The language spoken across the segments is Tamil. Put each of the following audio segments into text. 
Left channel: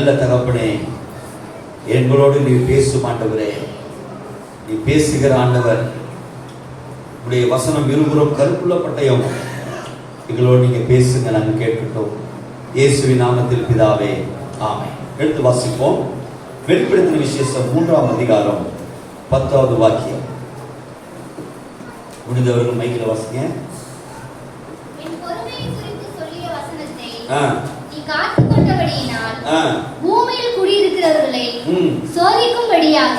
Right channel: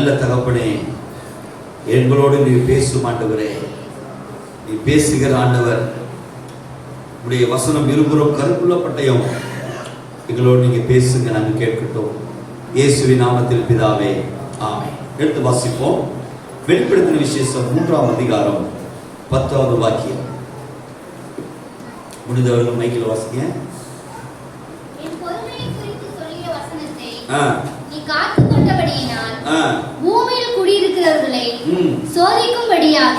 நல்ல தகப்பனே, எங்களோடு நீ பேசும் ஆண்டவரே, நீ பேசுகிற ஆண்டவர். உடைய வசனம் இருபுறம் கருப்புள்ள பட்டயம், எங்களோடு நீங்க பேசுங்க, நாங்கள் கேட்கட்டும். இயேசுவின் நாமத்தில் பிதாவே, ஆமென். எடுத்து வாசிப்போம். வெளிப்படுத்தின விசேஷம் 3ஆம் அதிகாரம் 10வது வாக்கியம். முடிந்தவர்கள் மைக்கில் வாசிங்க. பூமியில் குடியிருக்கிறவர்களை சோதிக்கும்படியாக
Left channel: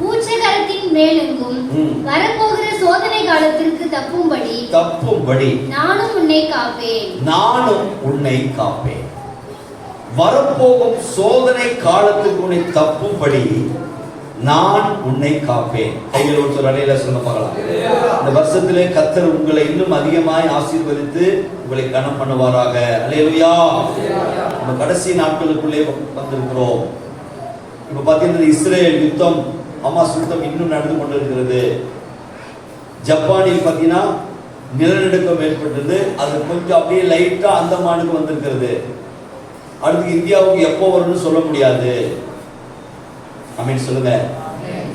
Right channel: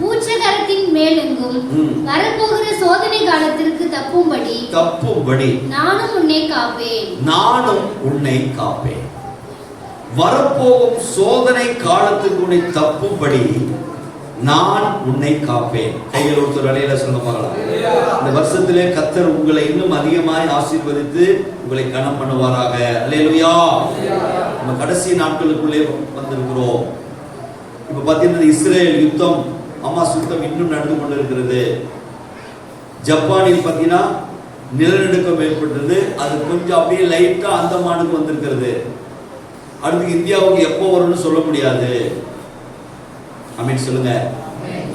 பூச்சகரத்தின் மேலெங்கும் வரப்போகிற சோதனை காலத்திற்கு தப்பும்படி நானும் உன்னை காப்பேன். வரப்போகும் சோதனை காலத்துக்கு உன்னை தப்பும்படி நான் உன்னை காப்பேன். கையில் ஒருத்தர் அடையில சொல்ல போகலாம். இந்த வருஷத்திலே கர்த்தர் உங்களை இன்னும் அதிகமாய் ஆசீர்வதித்து உங்களை கனம் பண்ணுவாராக. அல்லேலூயா. நம்ம கடைசி நாட்களுக்குள்ளே வந்திருக்கிறோம். இப்ப பாத்தீங்கன்னா இஸ்ரேல் யுத்தம், ஹமாஸ் யுத்தம் இன்னும் நடந்து கொண்டிருக்கிறது. ஜப்பானில் பாத்தீங்கன்னா நிலநடுக்கம் ஏற்பட்டது. அது கொஞ்சம் அப்படியே லைட்டா அந்தமானுக்கு வந்திருக்கிறது. அடுத்து இந்தியாவுக்கு எப்போ வரும்னு சொல்ல முடியாது. ஆமென் சொல்லுங்க.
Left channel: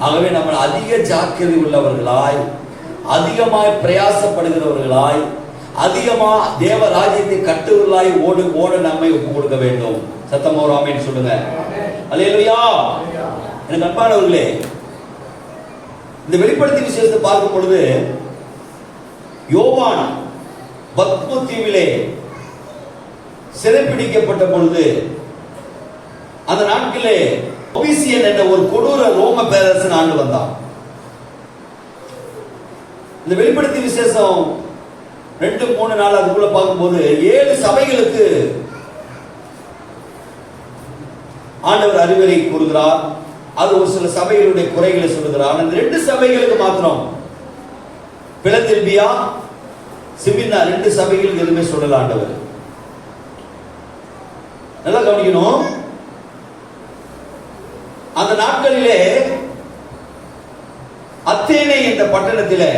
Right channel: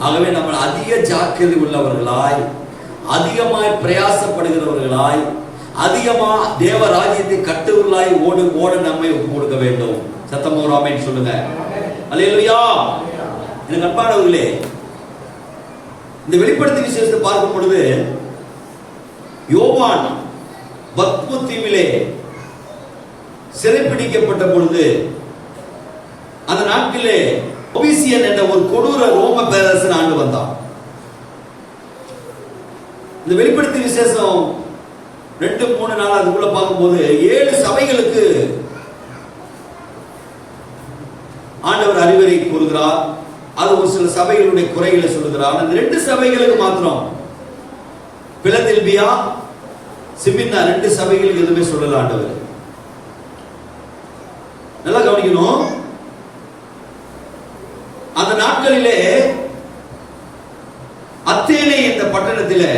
ஆகவே நம்ம அதிக ஜாக்கிரதை உள்ளவர்களாய், அதிகமாய் பிரயாசப்படுகிறவர்களாய், அதிகமா தேவ ராஜ்யத்தை கட்டுவர்களாய் ஓட நம்மை கொடுக்க வேண்டும். சத்தமா ஒரு ஆமென் சொல்லுங்க. அல்லேலூயா. எனக்கு அன்பானவர்களே, இந்த வெளிப்படுத்தின விசேஷத்தை பார்க்கும் பொழுது யோவான் பத்மு தீவிலே சிறைப்பிடிக்கப்பட்ட பொழுது அந்த நாட்களே ஒபிசியன் என்ற ஒரு கொடூர ரோம பேரரசன் ஆண்டு வந்தான். இந்த வெளிப்படுத்தின விசேஷம் 2-3 நாள் அதுக்குள்ள பார்க்கும்போது 7 சபைகளுக்கு ஆண்டவர் அறிவுரை கூறுகிறார். அது ஒரு சில சபைகளுடைய குறைகளை சொல்லுகிறார். அந்த 2 சபைகளுக்கு மாத்திரம், பிலதெல்பியா, சிமின்னா, 2 சபைகளுக்கு எதுவுமே சொல்லல ஆண்டவர். நல்லா கவனிக்கணும். அந்த நாட்களிலே அத்தேனை என்ற பட்டணத்தில்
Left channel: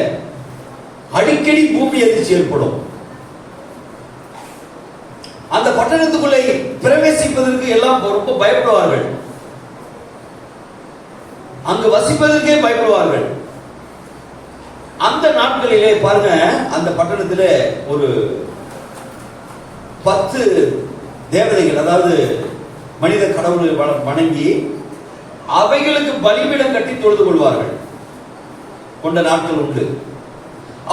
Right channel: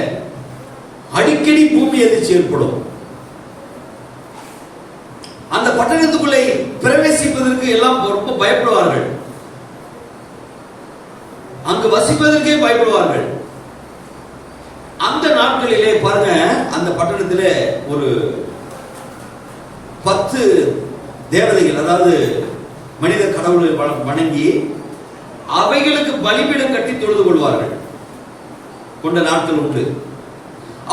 அடிக்கடி பூமி அதிர்ச்சி ஏற்படும். அந்த பட்டணத்துக்குள்ளே பிரவேசிப்பதற்கு எல்லாம் ரொம்ப பயப்படுவார்கள். அங்கு வசிப்பதற்கே பயப்படுவார்கள். அந்த நாட்களிலே பாருங்க, அந்த பட்டணத்தில் ஒரு 10 தேவதைகள், அதாவது மனித கடவுளை வணங்கி அவைகளுக்கு பலிபீடம் கட்டி தொழுது கொள்வார்கள் கொண்ட நாட்கள் உண்டு.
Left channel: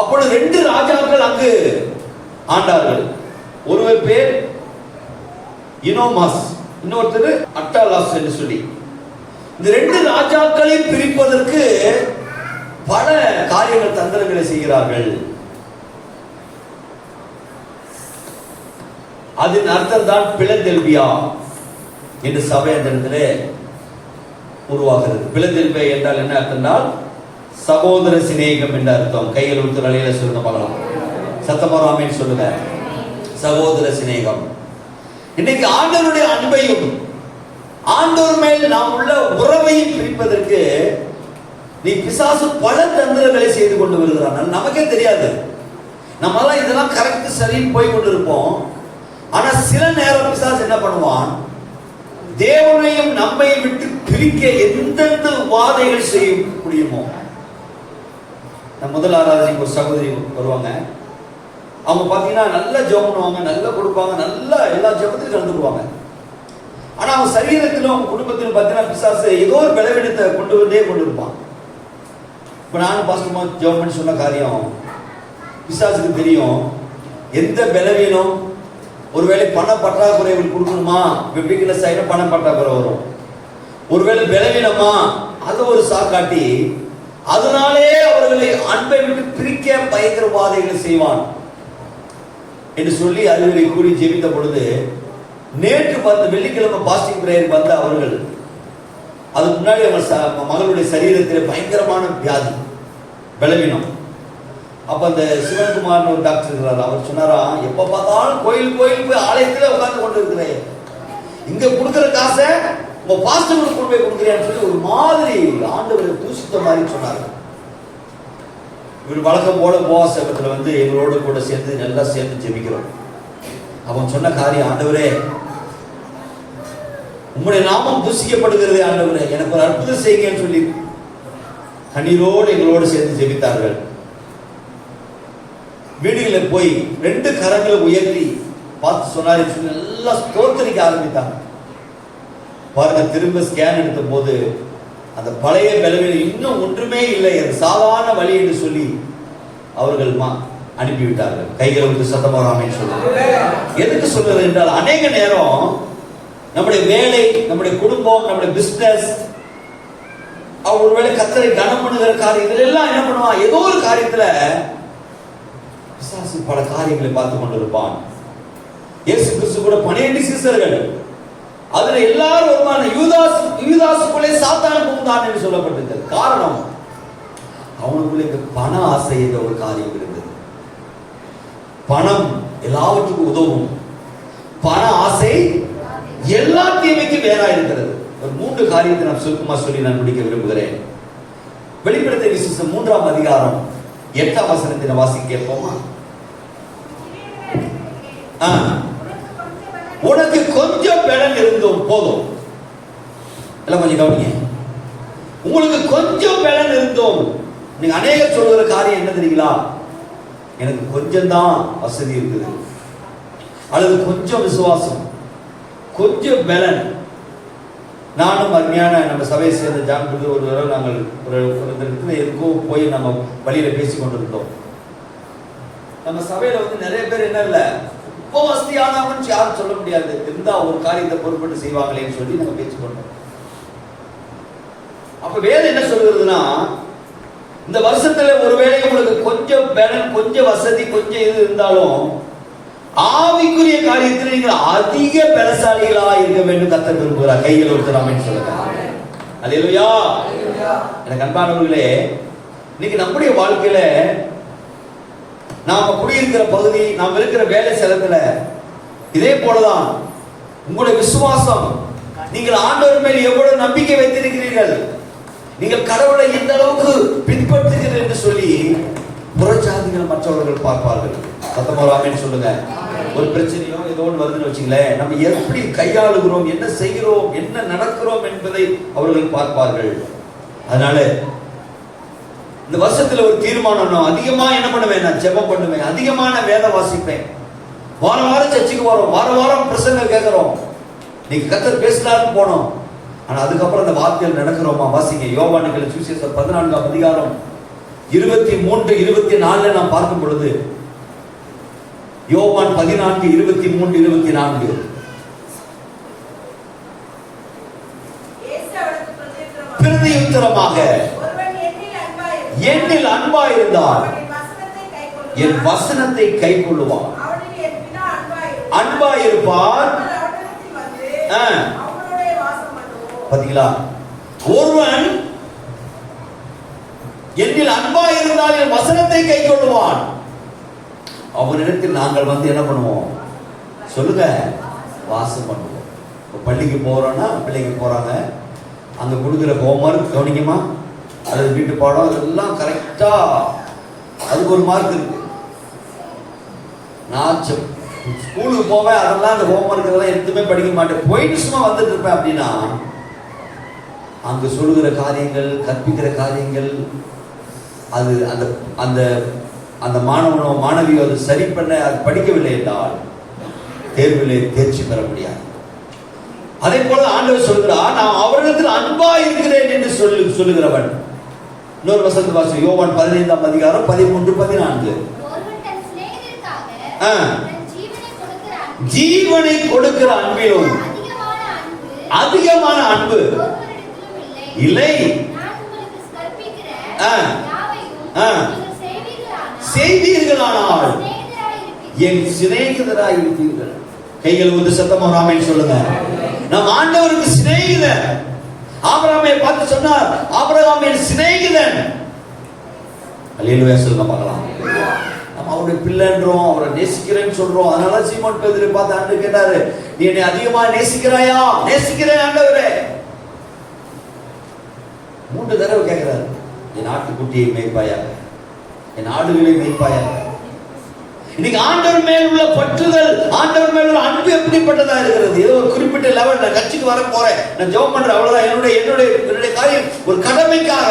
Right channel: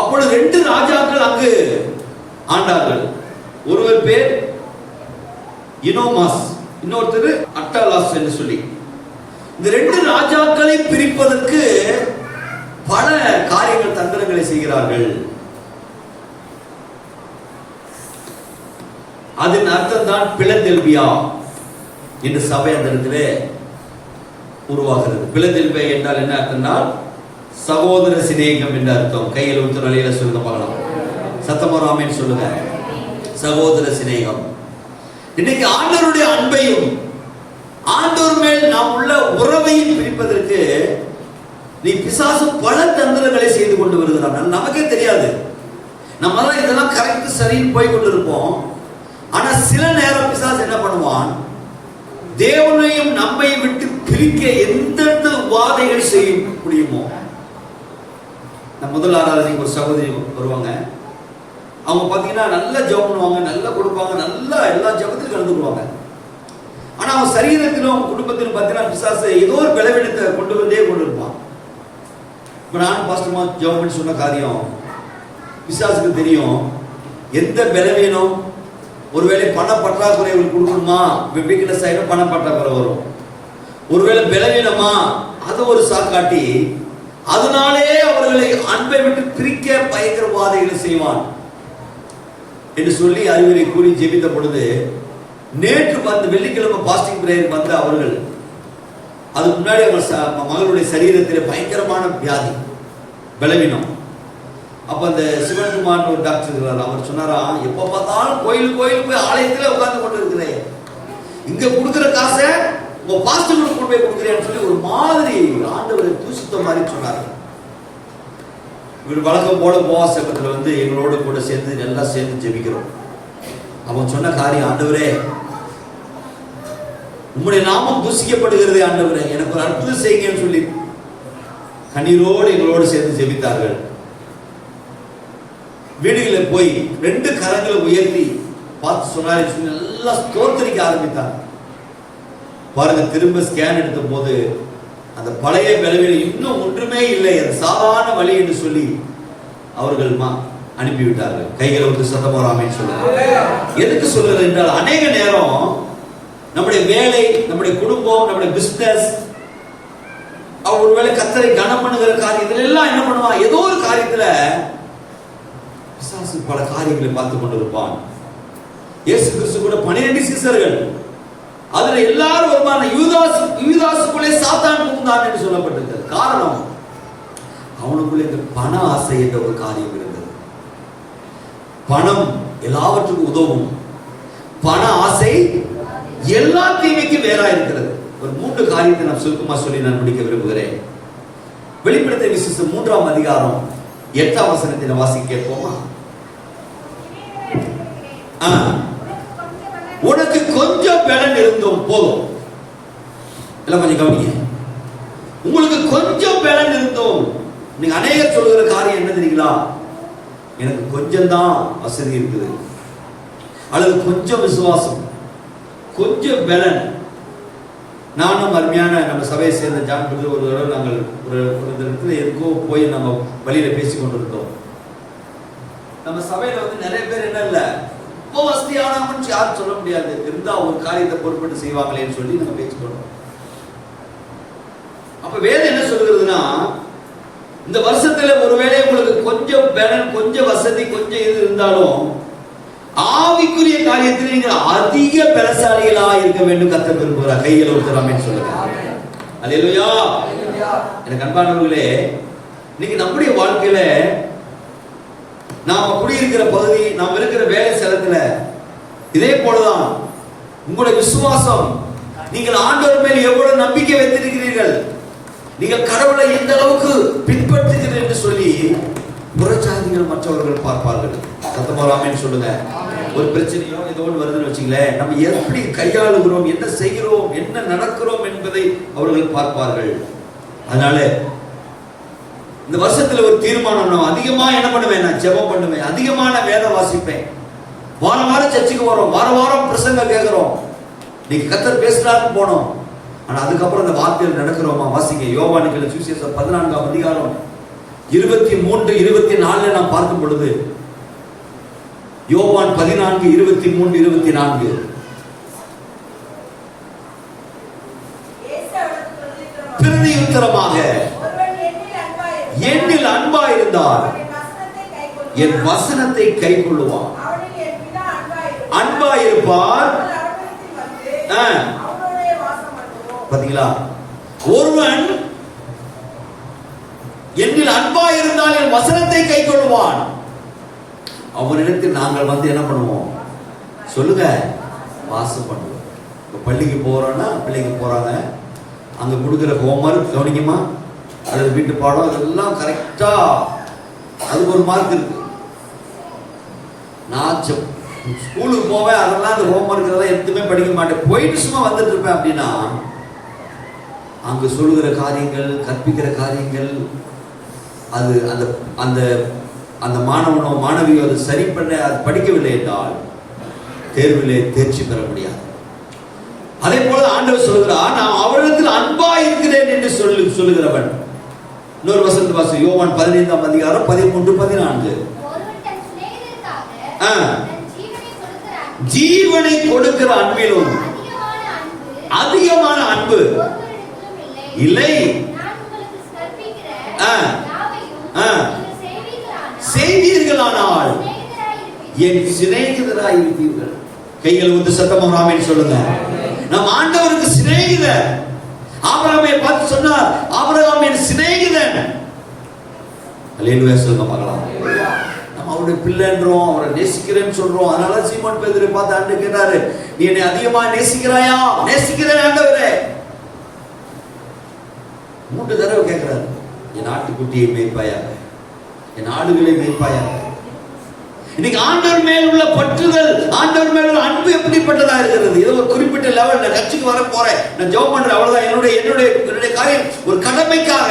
அப்பொழுது 2 ராஜாக்கள் அங்கு ஆண்டார்கள். ஒருவர் பேர் இனோமாஸ், இன்னொருத்தர் அட்டாலாஸ் என்று சொல்லி. இந்த 2 ராஜாக்களை பிரிப்பதற்கு பல காரியங்கள், தந்திரங்களை செய்கிறார்கள். அதன் அர்த்தம் தான் பிலதெல்பியா என்று சபை அந்த இடத்திலே உருவாகிறது. பிலதெல்பியா என்றால் என்ன அர்த்தம்னா சகோதர சிநேகம் என்ற அர்த்தம். கையில் ஒருத்தர் அலையில சொல்லுங்க பார்க்கலாம். சத்தமா ஆமென் சொல்லுங்க. சகோதர சிநேகம். இன்னைக்கு ஆண்டவருடைய அன்பையும் ஆண்டவர் மேல் நாம் உள்ள உறவையும் பிரிப்பதற்கு நீ பிசாசு பல தந்திரங்களை செய்து கொண்டு வருகிறான். நமக்கே தெரியாது. நம்ம தான் இதெல்லாம் கரெக்ட் சரின்னு போய் கொண்டு இருப்போம். ஆனா சில நேரம் பிசாசு என்ன பண்ணுவான், தேவனையும் நம்மை விட்டு பிரிக்க எந்தெந்த உபாதைகள் செய்ய முடியுமோ. முதல் ஆராதனைக்கு ஒரு சகோதரி வருவாங்க. அவங்க பாத்தீங்கன்னா நல்லா ஜெபம் பண்ணுவாங்க, நல்லா கொடுப்பாங்க, நல்லா எல்லா ஜெபத்திலும் கலந்துக்குவாங்க. ஆனா அவங்க சரீரத்திலும் அவங்க குடும்பத்திலும் பாத்தீங்கன்னா பிசாசு ஏதோ ஒரு பலவீனத்தை கொண்டு இருப்பான். இப்ப நான் பாஸ்டமா ஜெபம் பண்ணி சொன்ன காரியம் பிசாசுக்கு தெரியும். எந்த பலவீனம், ஒருவேளை பண பற்றாக்குறை கொடுக்கணுமா, வீக்னஸ் ஆயிடும், பண பற்றாக்குறை வரும். ஒருவேளை பலவீனமா, அது ஒரு சாக்காட்டி அதனாலே அவர்களை அன்பை விட்டு பிரிக்க பயங்கர வாதைகளை செய்வான் என்று சொல்லி அறிவுரை கூறி ஜெபித்த பொழுது, நேற்று வெள்ளிக்கிழமை பாஸ்டிங் பிரேயர் வந்த அவர்கள், அதுக்கு முன்னாடி அவங்க மகளுடைய சரீரத்தில் பயங்கரமான வியாதி, பலவீனம். அப்ப அந்த சிவன்குமார் ஒரு டாக்டர் இருக்கிறார். அவர் சொன்னாரா, எப்ப பார்த்தாலும் கோயில் போய் ஆலயத்திலே உட்கார்ந்து கொண்டு இருக்கிறேன், இங்க கொடுக்கிற காசை உங்க பாஸ்டருக்கு கொண்டு போய் கொடுக்குறேன்னு சொல்லி ஒரு மாதிரி ஆண்டவரை தூசித்த மாதிரி சொன்னார். இவர் வழக்கம் போல உபவாசத்துல எங்களோட கூட சேர்ந்து நல்லா சேர்ந்து ஜெபிக்கிறோம். அவன் சொன்ன காரியம், ஆண்டவரே உம்முடைய நாமம் பூசிக்கப்படுகிறது ஆண்டவரே, எனக்கு ஒரு அற்புதம் செய்யுங்கன்னு சொல்லி கண்ணீரோடு எங்களோடு சேர்ந்து ஜெபித்தார்கள். வீடுகளில் போய் 2 கரங்களை உயர்த்தி பார்த்து சொன்னாரு, எல்லாம் ஸ்தோத்திரிக்க ஆரம்பித்தாங்க. பாருங்க, திரும்ப ஸ்கேன் எடுத்த போது அந்த பழைய பலவீனம் இன்னும் ஒன்றுமே இல்லை, அது சாதாரண வழி என்று சொல்லி அவர்கள் அனுப்பிவிட்டார்கள். கைகளை வந்து சத்தமாக சொல்லுங்க. எதுக்கு சொல்றது என்றால், அநேக நேரம் நம்முடைய வேலை, நம்முடைய குடும்பம், நம்முடைய பிசினஸ், ஒருவேளை கர்த்தரை கனம் பண்ணுகிற காரியம், இதுல எல்லாம் என்ன பண்ணுவான், ஏதோ ஒரு காரியத்துல பிசாசு பல காரியங்களை பார்த்து கொண்டிருப்பான். இயேசு கிறிஸ்து கூட 12 சீஷர்கள், அதுல எல்லாரும் வருமான யூதாசுக்குள்ளே சாத்தான் புகுந்தான் என்று சொல்லப்பட்டிருக்கிறது. காரணம், அவனுக்குள்ளே இந்த பண ஆசை என்ற ஒரு காரியம் இருந்தது. பணம் எல்லாவற்றுக்கும் உதவும், பண ஆசை எல்லா தீமைக்கும் வேறா இருக்கிறது. ஒரு 3 காரியத்தை நான் சுருக்கமா சொல்லி நான் முடிக்க விரும்புகிறேன். வெளிப்படுத்தின விசேஷம் 3ஆம் அதிகாரம் 8ஆம் வசனத்தை வாசிக்க கேட்போமா? உனக்கு கொஞ்சம் பலன் இருந்தும் போதும். எல்லாம் கொஞ்சம் கவனிங்க. உங்களுக்கு கொஞ்சம் பலன் இருந்தும், நீங்க அநேகர் சொல்லுகிற காரியம் என்ன தெரியுங்களா? எனக்கு கொஞ்சம் தான் வசதி இருக்குது, அல்லது கொஞ்சம் விசுவாசம், கொஞ்சம் பலன். நானும் அருமையான நம்ம சபையை சேர்ந்த ஜான் பிரதர் ஒரு தடவை நாங்கள் ஒரு இடத்துல எதுக்கோ போய் நம்ம வழியில பேசிக் கொண்டிருந்தோம். நம்ம சபையில வந்து நிறைய பேர் என்ன இல்ல, ரொம்ப வசதியானவன் யாரும் சொல்ல முடியாது, இருந்தா ஒரு காரியத்தை பொறுப்பட்டு செய்வாங்களேன்னு சொல்லி நம்ம பேசிக்கொண்டோம். அப்ப வேதம் என்ன சொல்றதுன்னா, இந்த வருஷத்துல ஒருவேளை உங்களுக்கு கொஞ்சம் பலன், கொஞ்சம் வசதி, கொஞ்சம் இது இருந்தாலும் ஆவிக்குரிய காரியத்தில் நீங்கள் அதிக பலசாலிகளா இருக்க வேண்டும் கர்த்தர் விரும்புகிறார். கைகளை ஊத்தலாம்னு சொல்லுங்க. அல்லேலூயா. எனக்கு அன்பானவர்களே, இன்னைக்கு நம்முடைய வாழ்க்கையில நாம குடியிருக்கிற பகுதி, நாம் இருக்கிற வேலை ஸ்தலத்துல இதே போலதான் உங்களுடைய விசுவாசம், நீங்கள் ஆண்டவர் மேல் எவ்வளவு நம்பிக்கை வைத்திருக்கிறீர்கள், நீங்கள் கடவுளை எந்த அளவுக்கு பின்பற்றுகிறீர்கள் என்று சொல்லி புறஜாதிகள் மற்றவர்கள் பார்ப்பார்கள். சத்தமாவாங்கன்னு சொல்லுங்க. ஒரு பிரச்சனையோ ஏதோ ஒன்று வருதுன்னு வச்சுங்களேன், நம்ம எப்படி கையாளுகிறோம், என்ன செய்கிறோம், என்ன நடக்கிறோம் என்பதை அவர்கள் பார்ப்பார்கள். அதனால இந்த வருஷத்துல ஒரு தீர்மானம், நான் அதிகமா என்ன பண்ணுவேன், நான் ஜெபம் பண்ணுவேன், அதிகமான வேதம் வாசிப்பேன், வாரம் வாரம் சர்ச்சுக்கு வரோம், வாரம் வாரம் பிரசங்கம் கேட்கிறோம், நீங்க கர்த்தர் பேசினாருன்னு போனோம். ஆனா அதுக்கப்புறம் அந்த வார்த்தையில் நடக்கிறோமா? வாசிங்க. யோவானின் சுவிசேஷம் 14ஆம் அதிகாரம் 23, 24 நான் பார்க்கும் பொழுது, யோவான் 14, 23, 24 பிரதியுத்தரமாக, என்னில் அன்பா இருந்தால் என் வசனத்தை கைக்கொள்ளுவான், அன்பா இருப்பார். பாத்தீங்களா, ஒருவன் என்னில் அன்பா இருந்தால் என் வசனத்தை கைக்கொள்ளுவான். அவனிடத்தில் நாங்கள் வந்து என்ன பண்ணுவோம் சொல்லுங்க, வாசம் பண்ணுவோம். பள்ளிக்கு போறோம்னா பிள்ளைங்க போறாங்க, அங்க கொடுக்குற ஹோம்வொர்க் கவனிக்குமா, அது வீட்டு பாடம் அதெல்லாம் கரெக்டா, அதுக்கு ஒரு மார்க் இருக்கு. நான் ஸ்கூலுக்கு போவேன், அதெல்லாம் அந்த ஹோம்வொர்க் எல்லாம் எதுவுமே படிக்க மாட்டேன், போயிட்டு சும்மா வந்துட்டு இருப்பேன். அப்படின்னா அங்க சொல்லுகிற காரியங்கள், கற்பிக்கிற காரியங்கள், அது அந்த அந்த அந்த மாணவனோ மாணவியோ அது சரி பண்ண, அது படிக்கவில்லை என்றால் தேர்விலே தேர்ச்சி பெற முடியாது. அதே போல ஆண்டவர் சொல்கிறார், நான் அவரிடத்தில் அன்பா இருக்கிறேன் என்று சொல்லுகிறவன். இன்னொரு வசனத்தை வாசி, யோவான் 15ஆம் அதிகாரம் 13, 14. ஜீவனை கொடுக்கிற அன்பிலும் அதிகமான அன்பு இல்லை. செய்தீர்களானால் என் சிநேகிதராய் இருப்பீர்கள். கைகள் வந்து சத்தமாக ஆமென் சொல்லுங்க. நம் ஆண்டவருக்கு சிநேகிதர். ஆபிரகாமை பார்த்து சொன்னார், ஆபிரகாம் என் சிநேகிதன். அல்லேலூயா சொல்லுங்க பார்க்கலாம். நம்ம அவருடைய பிள்ளைன்றோம், அவரை நேசிக்கிறேன்னு சொல்றோம். அதனால சீமோன் பேதுரு பார்த்து ஆண்டவர் கேட்டாரு, நீ என்னை அதிகமா நேசிக்கிறாயா? நேசிக்கிறேன் ஆண்டவரே. 3 தடவை கேட்கிறாரு, என் ஆட்டுக்குட்டியை மேய்ப்பாயாக, என் ஆடுகளை மேய்ப்பாயாக. இன்னைக்கு ஆண்டவர் மேல் உள்ள பற்றுதல், ஆண்டவர் மேல் உள்ள அன்பு எப்படிப்பட்டதா இருக்கிறது? ஏதோ ஒரு குறிப்பிட்ட லெவல், நான் கட்சிக்கு வர போறேன், நான் ஜெபம் பண்றேன், அவ்வளவுதான். என்னுடைய காரியம் ஒரு கடமைக்காக.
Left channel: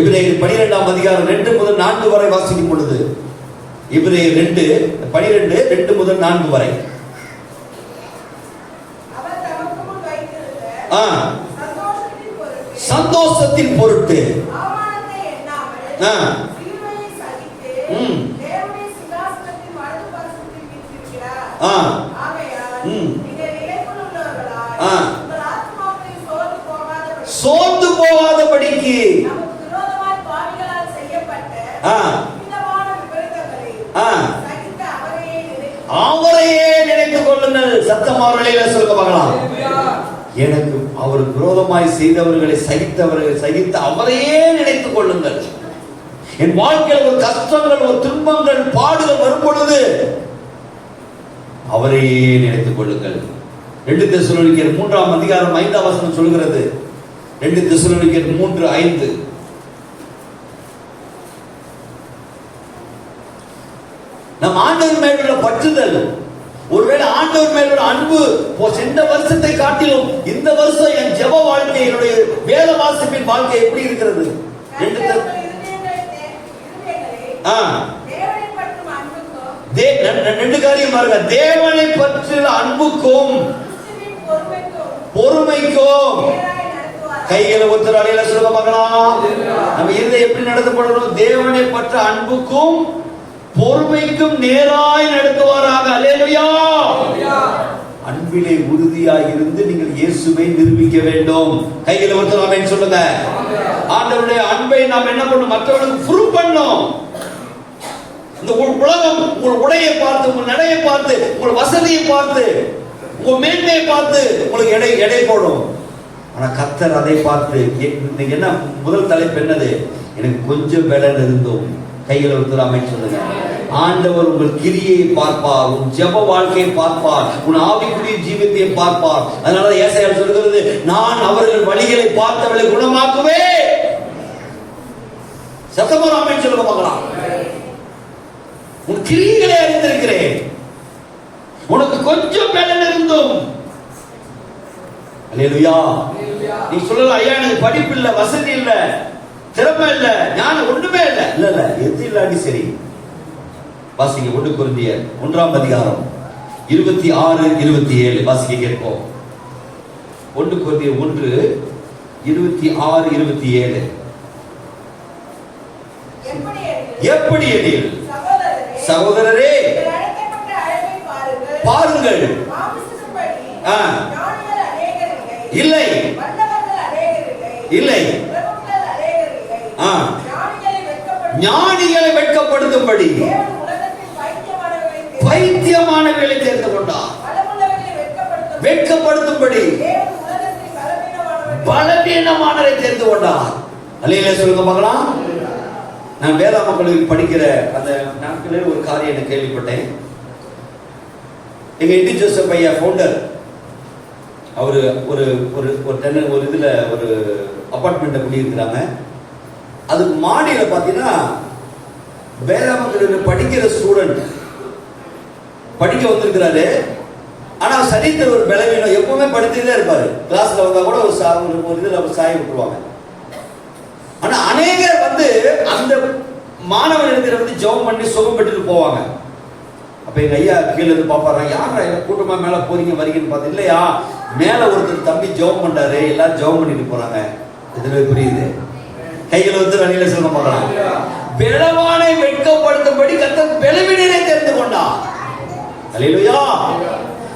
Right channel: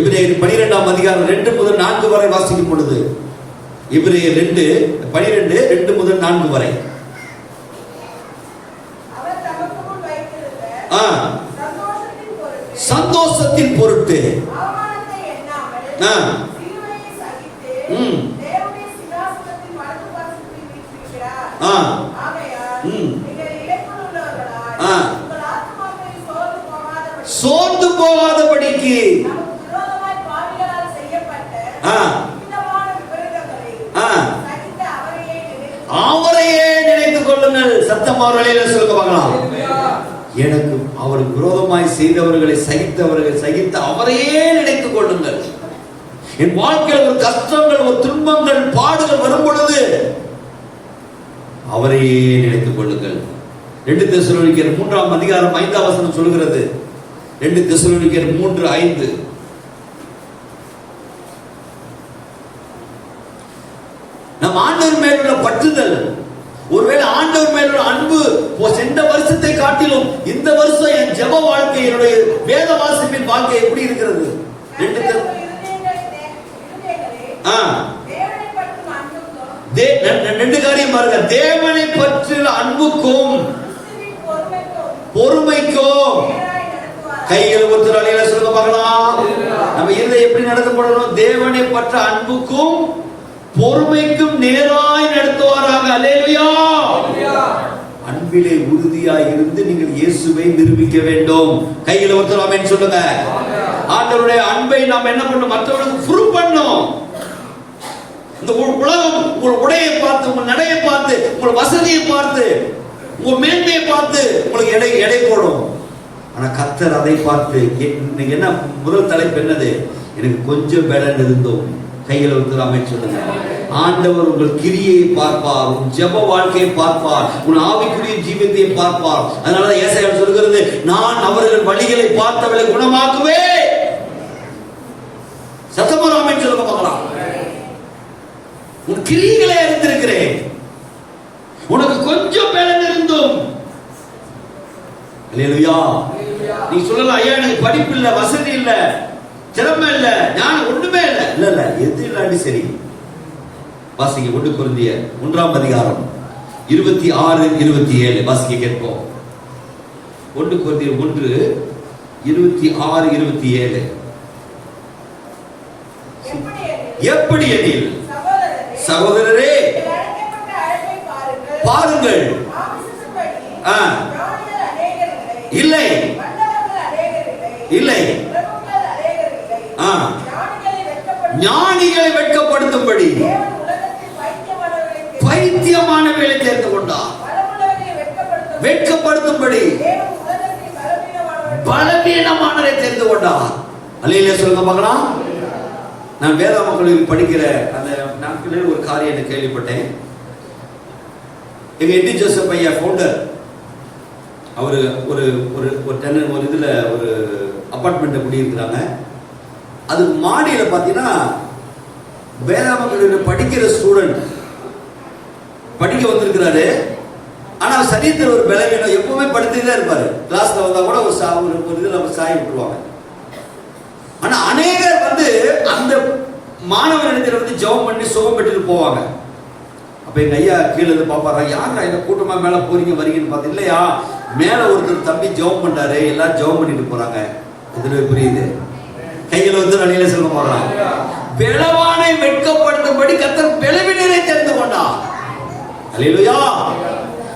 எபிரேயர் 12ஆம் அதிகாரம் 2 முதல் 4 வரை வாசிக்கும் பொழுது, எபிரேயர் 2:12 2 முதல் 4 வரை. சந்தோஷத்தின் பொருட்டு சோர்ந்து போகாதபடிக்கு அவரையே நினைத்துக் கொள்ளுங்கள். சத்தம் அவர்களே சொல்ல பார்க்கலாம். எனக்கு அவருக்கு விரோதமாய் செய்தவர்களை சகித்த அவரையே நினைத்துக் கொள்ளுங்கள். என் வாழ்க்கையில் ஒரு கஷ்டங்கள், ஒரு துன்பங்கள், பாடுகள் வரும் பொழுது அவரையே நினைத்துக் கொள்ளுங்கள். 2 தெசலோனிக்கேயர் 3ஆம் அதிகாரம் 5ஆம் வசனம் சொல்கிறது. 2 தெசலோனிக்கேயர் 3:5. நம் ஆண்டவர் மேல் உள்ள பற்றுதல், ஒருவேளை ஆண்டவர் மேல் உள்ள அன்பு சென்ற வருஷத்தை காட்டிலும் இந்த வருஷம் என் ஜெப வாழ்க்கை, என்னுடைய வேத வாசிப்பின் வாழ்க்கை எப்படி இருக்கிறது? 2 காரியம் பாருங்க. தேவனை பற்றிய அன்புக்கும் பொறுமைக்கும் கைகளை ஒருத்தர் அலையில சொல்ல பார்க்கலாம். நம்ம இருதை எப்படி நடந்து கொள்ளணும்? தேவனை பற்ற அன்புக்கும் பொறுமைக்கும் நேராய் நடத்துவாராக. அல்லேலூயா. அன்பிலே உறுதியாக இருந்து நீங்கள் இயேசுவை நிரூபிக்க வேண்டும். கைகளை ஒருத்தர் ஆமென் சொல்லுங்க. ஆண்டவருடைய அன்பை நாம் என்ன பண்ணணும்? மற்றவர்களுக்கு ப்ரூவ் பண்ணணும். இந்த உலகம் உங்கள் உடையை பார்த்து, உங்கள் நடையை பார்த்து, உங்கள் வசதியை பார்த்து, உங்கள் மேன்மையை பார்த்து உங்களுக்கு எடை போடும். ஆனா கர்த்தர் அதை பார்த்து, என்ன முதல் தலைப்பு என்னது? எனக்கு கொஞ்சம் பலன் இருந்தோம். கையில் ஒருத்தராமே சொல்லுங்க. ஆண்டவர் உங்கள் கிரியை பார்ப்பார், உன் ஜெப வாழ்க்கையை பார்ப்பார், உன் ஆவிக்குரிய ஜீவியத்தை பார்ப்பார். அதனால ஏசாயா சொல்கிறது, நான் அவர்கள் வழிகளை பார்த்தவர்களை குணமாக்குவேன். சத்தமாமே சொல்லுங்க பார்க்கலாம். உன் கிரியைகளை அறிந்திருக்கிறேன். உனக்கு கொஞ்சம் பலன் இருந்தும். அல்லேலூயா. நீ சொல்லலாம், ஐயா எனக்கு படிப்பு இல்ல, வசதி இல்ல, திறமை இல்ல, ஞானம் ஒண்ணுமே இல்ல. இல்ல எது இல்லாட்டி சரி. வாசிக்க 1 கொரிந்தியர் 1ஆம் அதிகாரம் 26-27 வாசிக்க கேட்போம். 1 கொரிந்தியர் 1:26-27. எப்படி எனில் சகோதரரே பாருங்கள், இல்லை இல்லை, ஞானிகளை வெட்கப்படுத்தும்படி பைத்தியமானவர்களை சேர்ந்து கொண்டார். வெட்கப்படுத்தும்படி பலவீனமானவரை சேர்ந்து கொண்டார். அல்லேலூயா சொல்லுங்க பார்க்கலாம். நான் வேத மக்களுக்கு படிக்கிற அந்த நாட்களில் ஒரு காரியம் கேள்விப்பட்டேன். எங்க என்டி ஜோசப் ஐயா ஃபவுண்டர், அவரு ஒரு இதுல ஒரு அபார்ட்மெண்ட்ல குடியிருக்கிறாங்க. அதுக்கு மாடியில பாத்தீங்கன்னா வேத மக்களுக்கு படிக்கிற ஸ்டூடெண்ட் படிக்க வந்திருக்கிறாரு. ஆனா சரீரத்தில் ஒரு பலவீனம், எப்பவுமே படித்துதான் இருப்பாரு. கிளாஸ்ல வந்தா கூட ஒரு இதுல அவர் சாய் விட்டுருவாங்க. ஆனா அநேகர் அந்த மாணவன் இருக்கிற ஜெபம் பண்ணி சுகம் பெற்றுட்டு போவாங்க. அப்ப எங்க ஐயா கீழே இருந்து பாப்பாரு, யாரா என்ன கூட்டமா மேல போறீங்க வரீங்கன்னு பார்த்து, இல்லையா மேல ஒருத்தர் தம்பி ஜெபம் பண்றாரு, எல்லாம் ஜெபம் பண்ணிட்டு போறாங்க. இதுல புரியுது. கையில் வெளியில சொல்ல போறாங்க. பெலவானை வெட்கப்படுத்தும்படி கர்த்தர் பெலவீனரை தெரிந்து கொண்டார். அல்லேலூயா.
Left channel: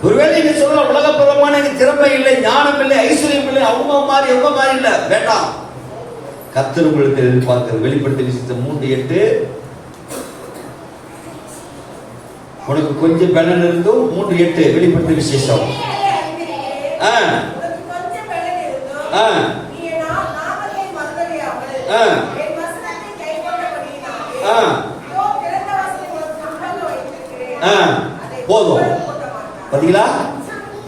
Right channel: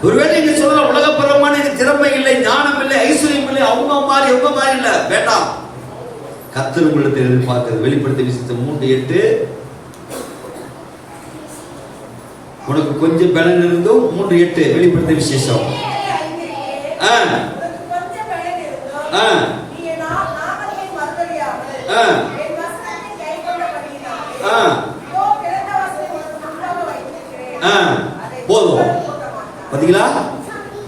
ஒருவேளை நீங்க சொல்லலாம், உலகப்பரமான எனக்கு திறமை இல்லை, ஞானம் இல்லை, ஐஸ்வர்யம் இல்லை, அவங்க மாதிரி இல்ல, வேண்டாம். கர்த்தர் உங்களுக்கு எதிர்பார்க்கிறது. வெளிப்படுத்தி விசேஷம் 3:8. உனக்கு கொஞ்சம் பலன் இருந்தும் 3:8 வெளிப்படுத்தி விசேஷம். போதும். பாத்தீங்களா,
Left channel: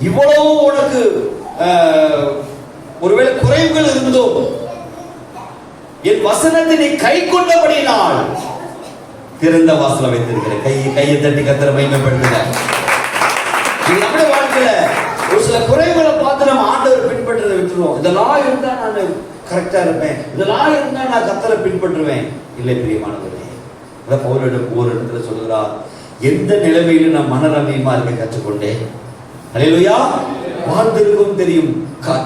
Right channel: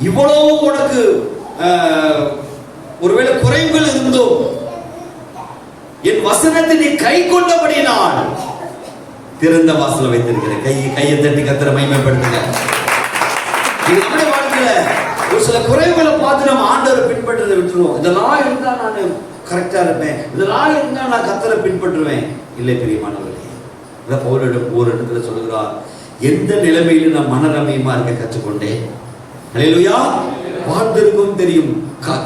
இவ்வளவு உனக்கு ஒருவேளை குறைவுகள் இருந்தோம், என் வசனத்தை நீ கை கொண்டபடினால் திறந்த வாசல வைத்திருக்கிறேன். கையை தட்டி கர்த்தரை மகிமைப்படுத்துங்க. நம்முடைய வாழ்க்கையில ஒரு சில குறைவுகளை பார்த்து நம்ம ஆண்டவரை பின்பற்றதை விட்டுருவோம். இதெல்லாம் இருந்தா நான் கரெக்டா இருப்பேன், இதெல்லாம் இருந்தா நான் கர்த்தரை பின்பற்றுவேன். இல்லை பிரியமானவர்களே, இதை பவுலிடம் ஒரு இடத்துல சொல்லுகிறார், எந்த நிலைமையிலும் நான் மனரமியமா இருக்க கற்றுக்கொண்டேன். அல்லேலூயா. வாழ்ந்திருக்கும் தெரியும்,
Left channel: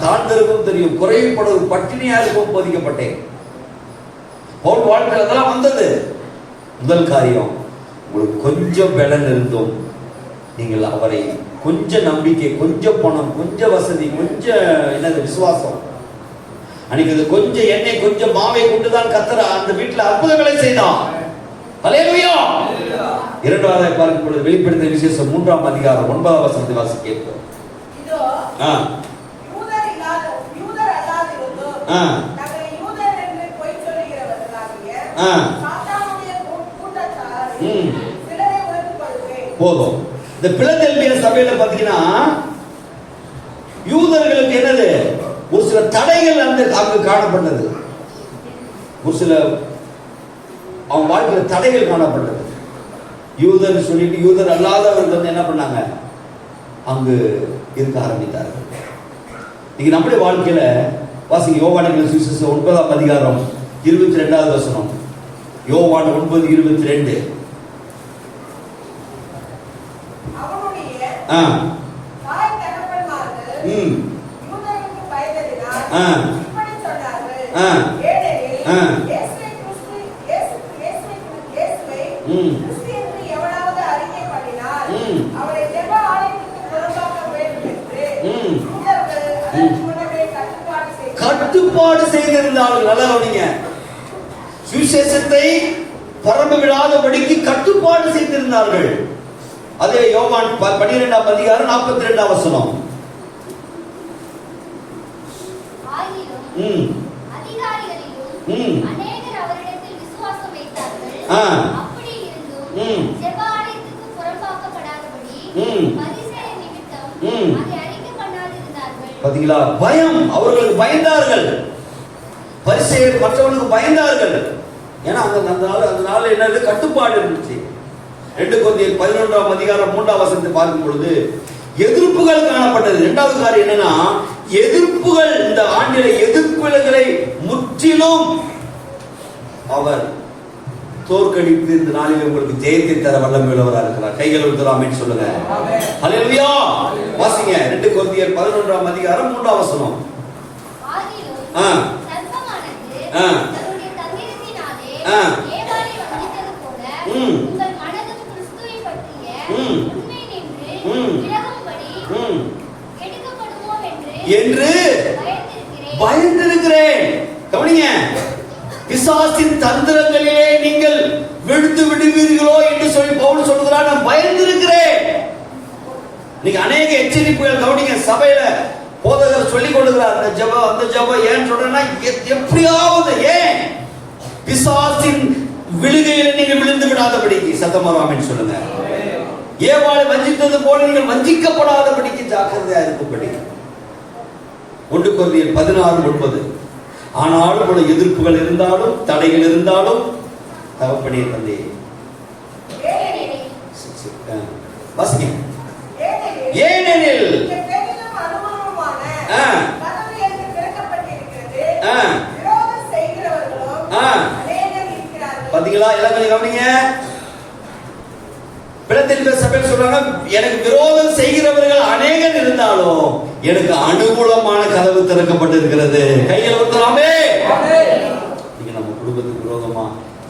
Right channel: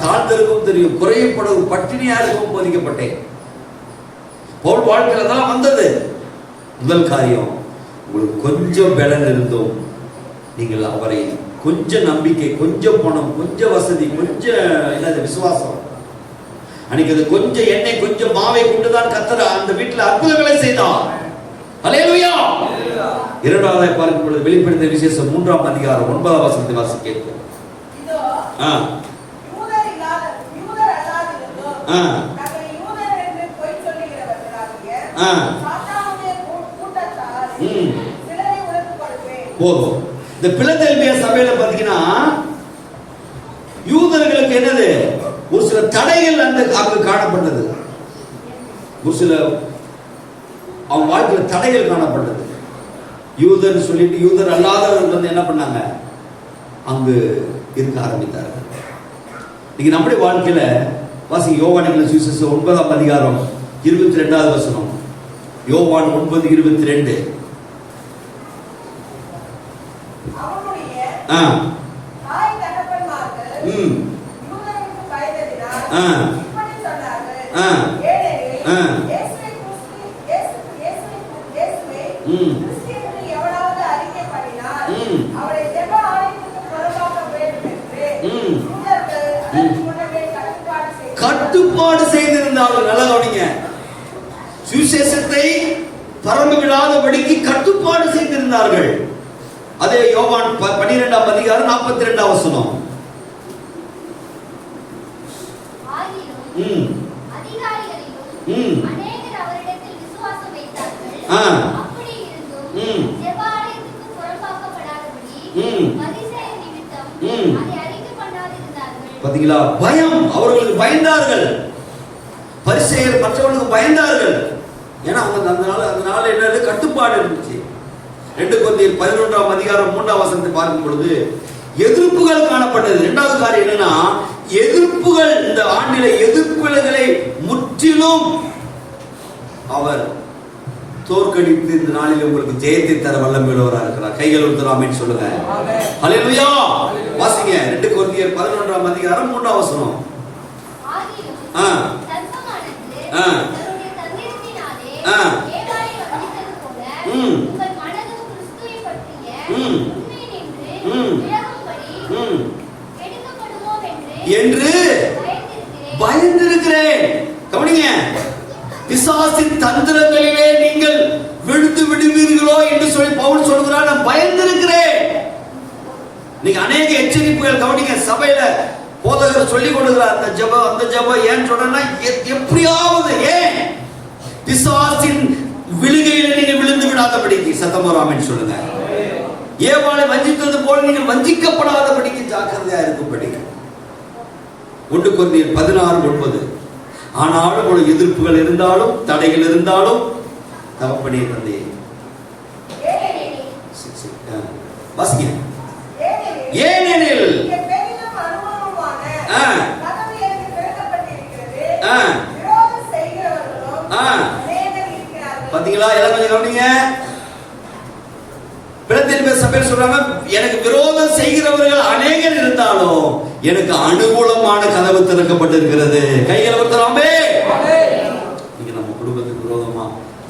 தாழ்ந்திருக்கும் தெரியும், குறையப்படும் பட்டினியா இருக்கும் போதிக்கப்பட்டேன். பவுல் வாழ்க்கையில தான் வந்தது. முதல் காரியம், உங்களுக்கு கொஞ்சம் பலன் இருந்தும் நீங்கள் அவரை கொஞ்சம் நம்பிக்கை, கொஞ்சம் பணம், கொஞ்சம் வசதி, கொஞ்சம் என்னது விசுவாசம், அன்னைக்கு அது கொஞ்சம் எண்ணெய், கொஞ்சம் மாவை கொண்டுதான் கர்த்தர் அந்த வீட்டில் அற்புதங்களை செய்தார். அல்லேலூயா. இரண்டாவதாக பார்க்கும் பொழுது வெளிப்படுத்தின விசேஷம் 3ஆம் அதிகாரம் 9ஆம் வசனத்தை வாசி கேட்கிறோம். போதும். இந்த பிலதெல்பியா சபையில பாத்தீங்கன்னா யூதர்களுக்கு என்னது ஒரு சில தடைகள் அங்கு காணப்பட்டது. ஒரு சில அவங்க வாழ்க்கையில் தடைகள் காணப்பட்டது. யூதர் சொல்லிட்டு யூதர் அல்லாதவர்கள் வந்து என்ன பண்ணாங்க, அங்கு இருக்க ஆரம்பித்தார்கள். இன்னைக்கு நம்முடைய வாழ்க்கையில வாசி யோவான் சுவிசேஷம் 9ஆம் அதிகாரம் 22வது வசனம். யோவான் 9:22. கட்டுப்பாடு செய்திருந்தார்கள். நல்லா கவனிங்க. சுவிசேஷத்தை பரம்ப விடாதபடிக்கு கட்டுப்பாடு செய்திருந்தார்கள். அதே யோவான் 12ஆம் அதிகாரம் 42ஆம் வசனம். பாத்தீங்களா, பயம், அவர்களுக்கு பயந்தார்கள். பரிசேயர் மற்றவர்களுக்கு பயந்தார்கள். ஏன்னா அதனால என்னது கட்டுப்பாடு இருந்துச்சு. 2 கொரிந்தியர் 11ஆம் அதிகாரம் 3ஆம் வசனத்தை பார்க்கும் பொழுது எதிர்ப்புகள் காணப்பட்டது. இரண்டாவது காரியம் என்னன்னா, எதிர்ப்புகள், இந்த ஆண்டில எதிர்ப்புகளை முற்றிலும் அவர் தோற்கடித்து இந்த நாளில் உங்களுக்கு ஜெயத்தை தர வல்லமையுள்ளவராக இருக்கிறார். கைகள் உயர்த்தி ஆமென் சொல்லுங்க. ஹல்லேலூயா. வாசிங்க 2 கொரிந்தியர் 11ஆம் அதிகாரம் 3ஆம் வசனம். என்று பயந்திருக்கிறேன். கவனிங்க, பிசாசின் தந்திரங்களிலே நீங்கள் விழுந்து விடுவீர்களோ என்று சொல்லி பவுல் சொல்கிறார். நான் பயந்திருக்கிறேன். நீங்க அநேக எச்சரிப்புகள் கவனிங்க. சபையில போதகர் சொல்லிக் கொடுக்கிறார், அந்த ஜெபம் அந்த ஜெபம். ஏன் சொல்றேன்னா, எப்படியாவது ஏன் பிசாசின் விழுகையில் நீங்கள் விழுந்து விடாதபடிக்கு. சத்தமராமன் சொல்லுங்க. ஏவாளை வஞ்சித்தது போல நீங்கள் வஞ்சிக்கப்படாதபடிக்கு ஜாக்கிரதையா இருக்கும்படி. 1 கொரிந்தியர் 16:9. ஆனாலும் உள்ள எதிர்ப்புகள் இருந்தாலும் தடைகள் இருந்தாலும் தகப்பனே தந்தையே வாசிங்க. ஏனெனில் பாத்தீங்களா, எல்லாம் கொஞ்சம் கவனிங்க. பிலதெல்பியா சபையில் சொல்றாங்க, எனக்கு விரோதம் செய்கிறவர்கள் அநேகர் இருந்தாலும் எனக்கு அனுகூலமான கதவு திறக்கப்பட்டிருக்கிறது. கையில் ஊத்தலாமே. நீங்க நம்ம குடும்பத்துக்கு விரோதமா,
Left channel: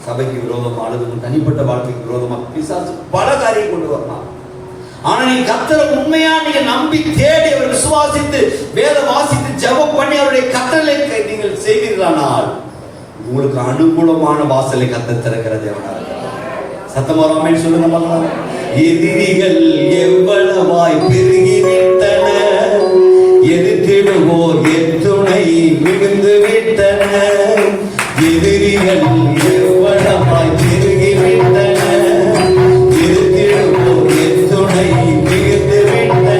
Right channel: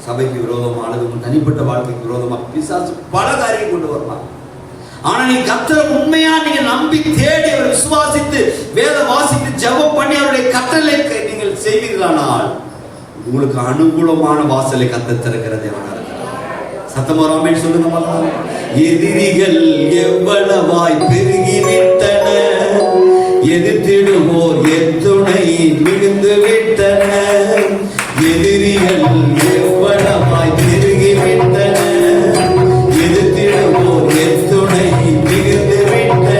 சபைக்கு விரோதமா, அல்லது தனிப்பட்ட வாழ்க்கைக்கு விரோதமா பிசாசு பல காரியம் கொண்டு வரலாம். ஆனா நீ கர்த்தரை உண்மையா நீங்க நம்பி தேடி அவர் விசுவாசித்து வேத வாசித்து ஜெபம் பண்ணி அவருடைய கட்டளை நீங்கள் செய்கிறீர்களானால் உங்களுக்கு அனுகூலமான வாசலை கர்த்தர் திறக்கிறது. சத்தமாராமே சொல்லுங்க. எதிரிகள் எவ்வளவாய் பெருகிவிட்டன, எதிர்த்திடுவோர் எத்துணை விழுந்து விட்டன. எதிரிகள் எவ்வளவாய் பெருகிவிட்டன, எதிர்த்திடுவோர் எத்துணை விழுந்து விட்டன.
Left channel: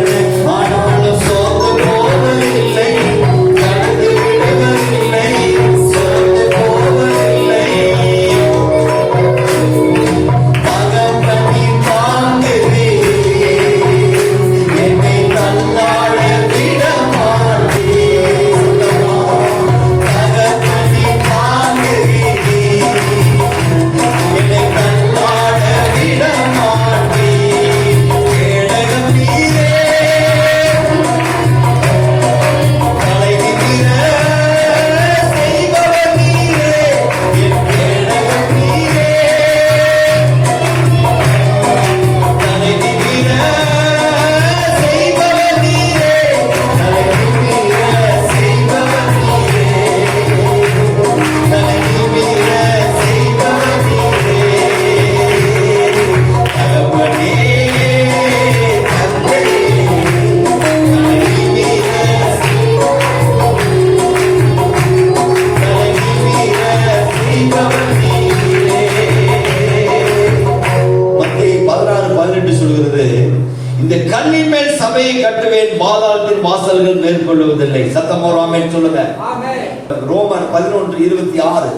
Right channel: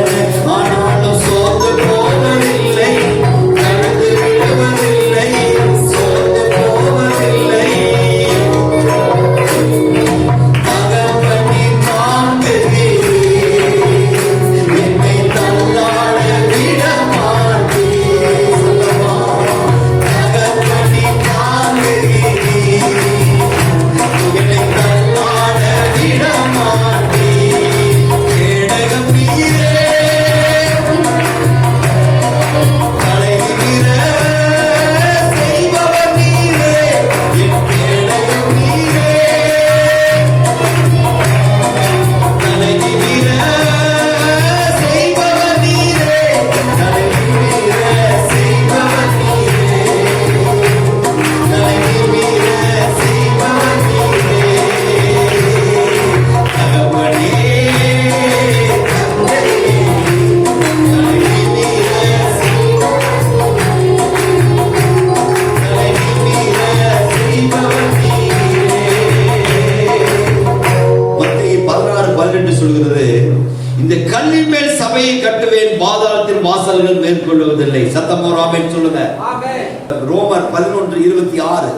ஆனாலும் சோர்ந்து போவதில்லை, கடந்து விடுவதில்லை, சோர்ந்து போவதில்லை. சொல்கிறது, இந்த கல்லின் மேல் சபையை கட்டுவேன், பாதாளத்தின் வாசல்கள் மேற்கொள்வதில்லை. சத்தமா ஒரு ஆமென் சொல்லுங்க. ரோமர் 11:26.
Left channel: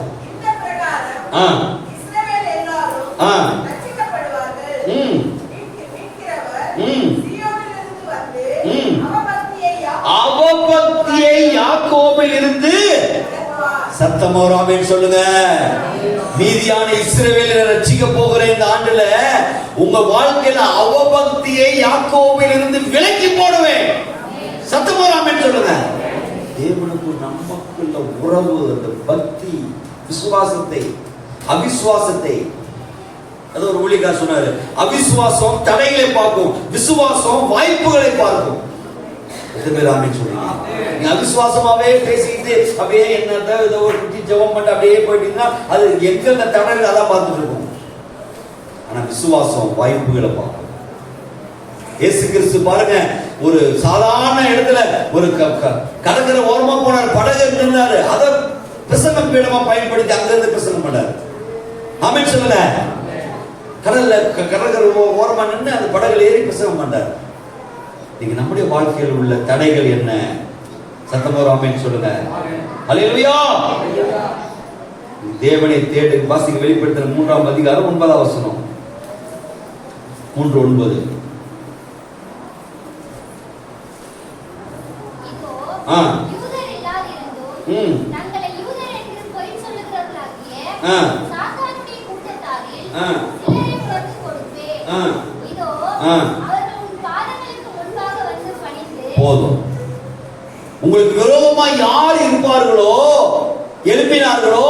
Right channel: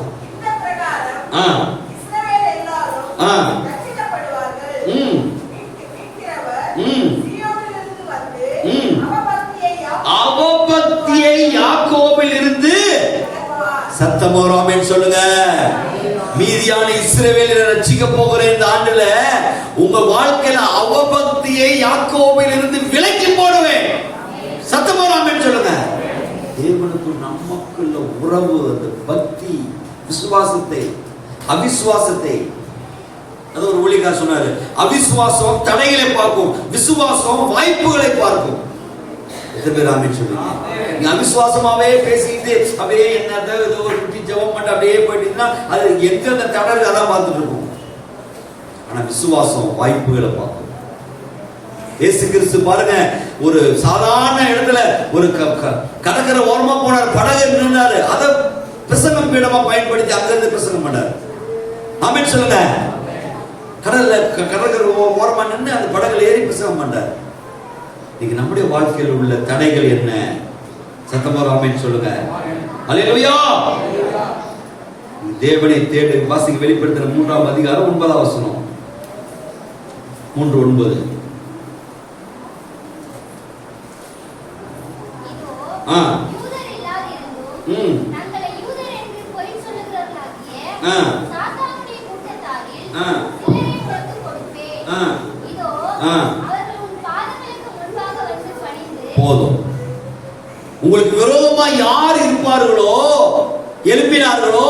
அவபக்தியை யாக்கோபில் இருந்து சத்தமா ஒரு ஆமென் சொல்லுங்க. மீதியான இஸ்ரவேலை ரட்சிக்க போகிற இந்த ஆண்டுல உங்க வாழ்க்கையில அவபக்தியை யாக்கோபில் இருந்து விலக்கி போடுவேன். சத்தமா ஒரு ஆமென் சொல்லுங்க. தேவனுக்கு நமக்குள்ள உறவு, அந்த பக்தி, விசுவாசத்தை, அவிசுவாசத்தை, அது ஒரு ஊழியக்காரர் சொன்னாரு, அவிசுவாசம் தடைகளை பார்க்கும், விசுவாசம் வாய்ப்புகளை பார்க்கும். நீ அவிசுவாசமாவே பேசிக்கிட்டு அப்படியே என்ன ஏதோ ஒரு ஜெபம் பண்ணி அப்படியே போயிட்டீங்கன்னா அது எங்க அந்த தடவை அதான் பார்த்துட்டு இருக்கும். ஆனா விசுவாசம் வாய்ப்புகளை பார்க்கும். இயேசு கிறிஸ்து பாருங்க, ஒரு சாதாரண இடத்துல ஒரு கடற்கரை ஓரமா போனார், படகு நின்றாரு, அதை பிரசங்கம் பீடமா பயன்படுத்தி அங்கிருந்து பிரசங்கம் பண்ணாரு. ஆமென் சொல்லுங்க. கடற்கரை ஓரமா நின்று அந்த படகுல ஏறி பிரசங்கம் பண்ணார். இன்னைக்கு நம்முடைய வாழ்க்கையில் உள்ள தடைகள் என்ன? சத்தமா ஆமென் சொல்லுங்க. அல்லேலூயா. தேவனை தேடு. வாசிக்க வெளிப்படுத்தின 3ஆம் அதிகாரம் 9ஆம் வசனம். 3:9. போதும். உங்களுக்கு விரோதமா யார் இருப்பார்களோ, எழுப்பினார்களோ,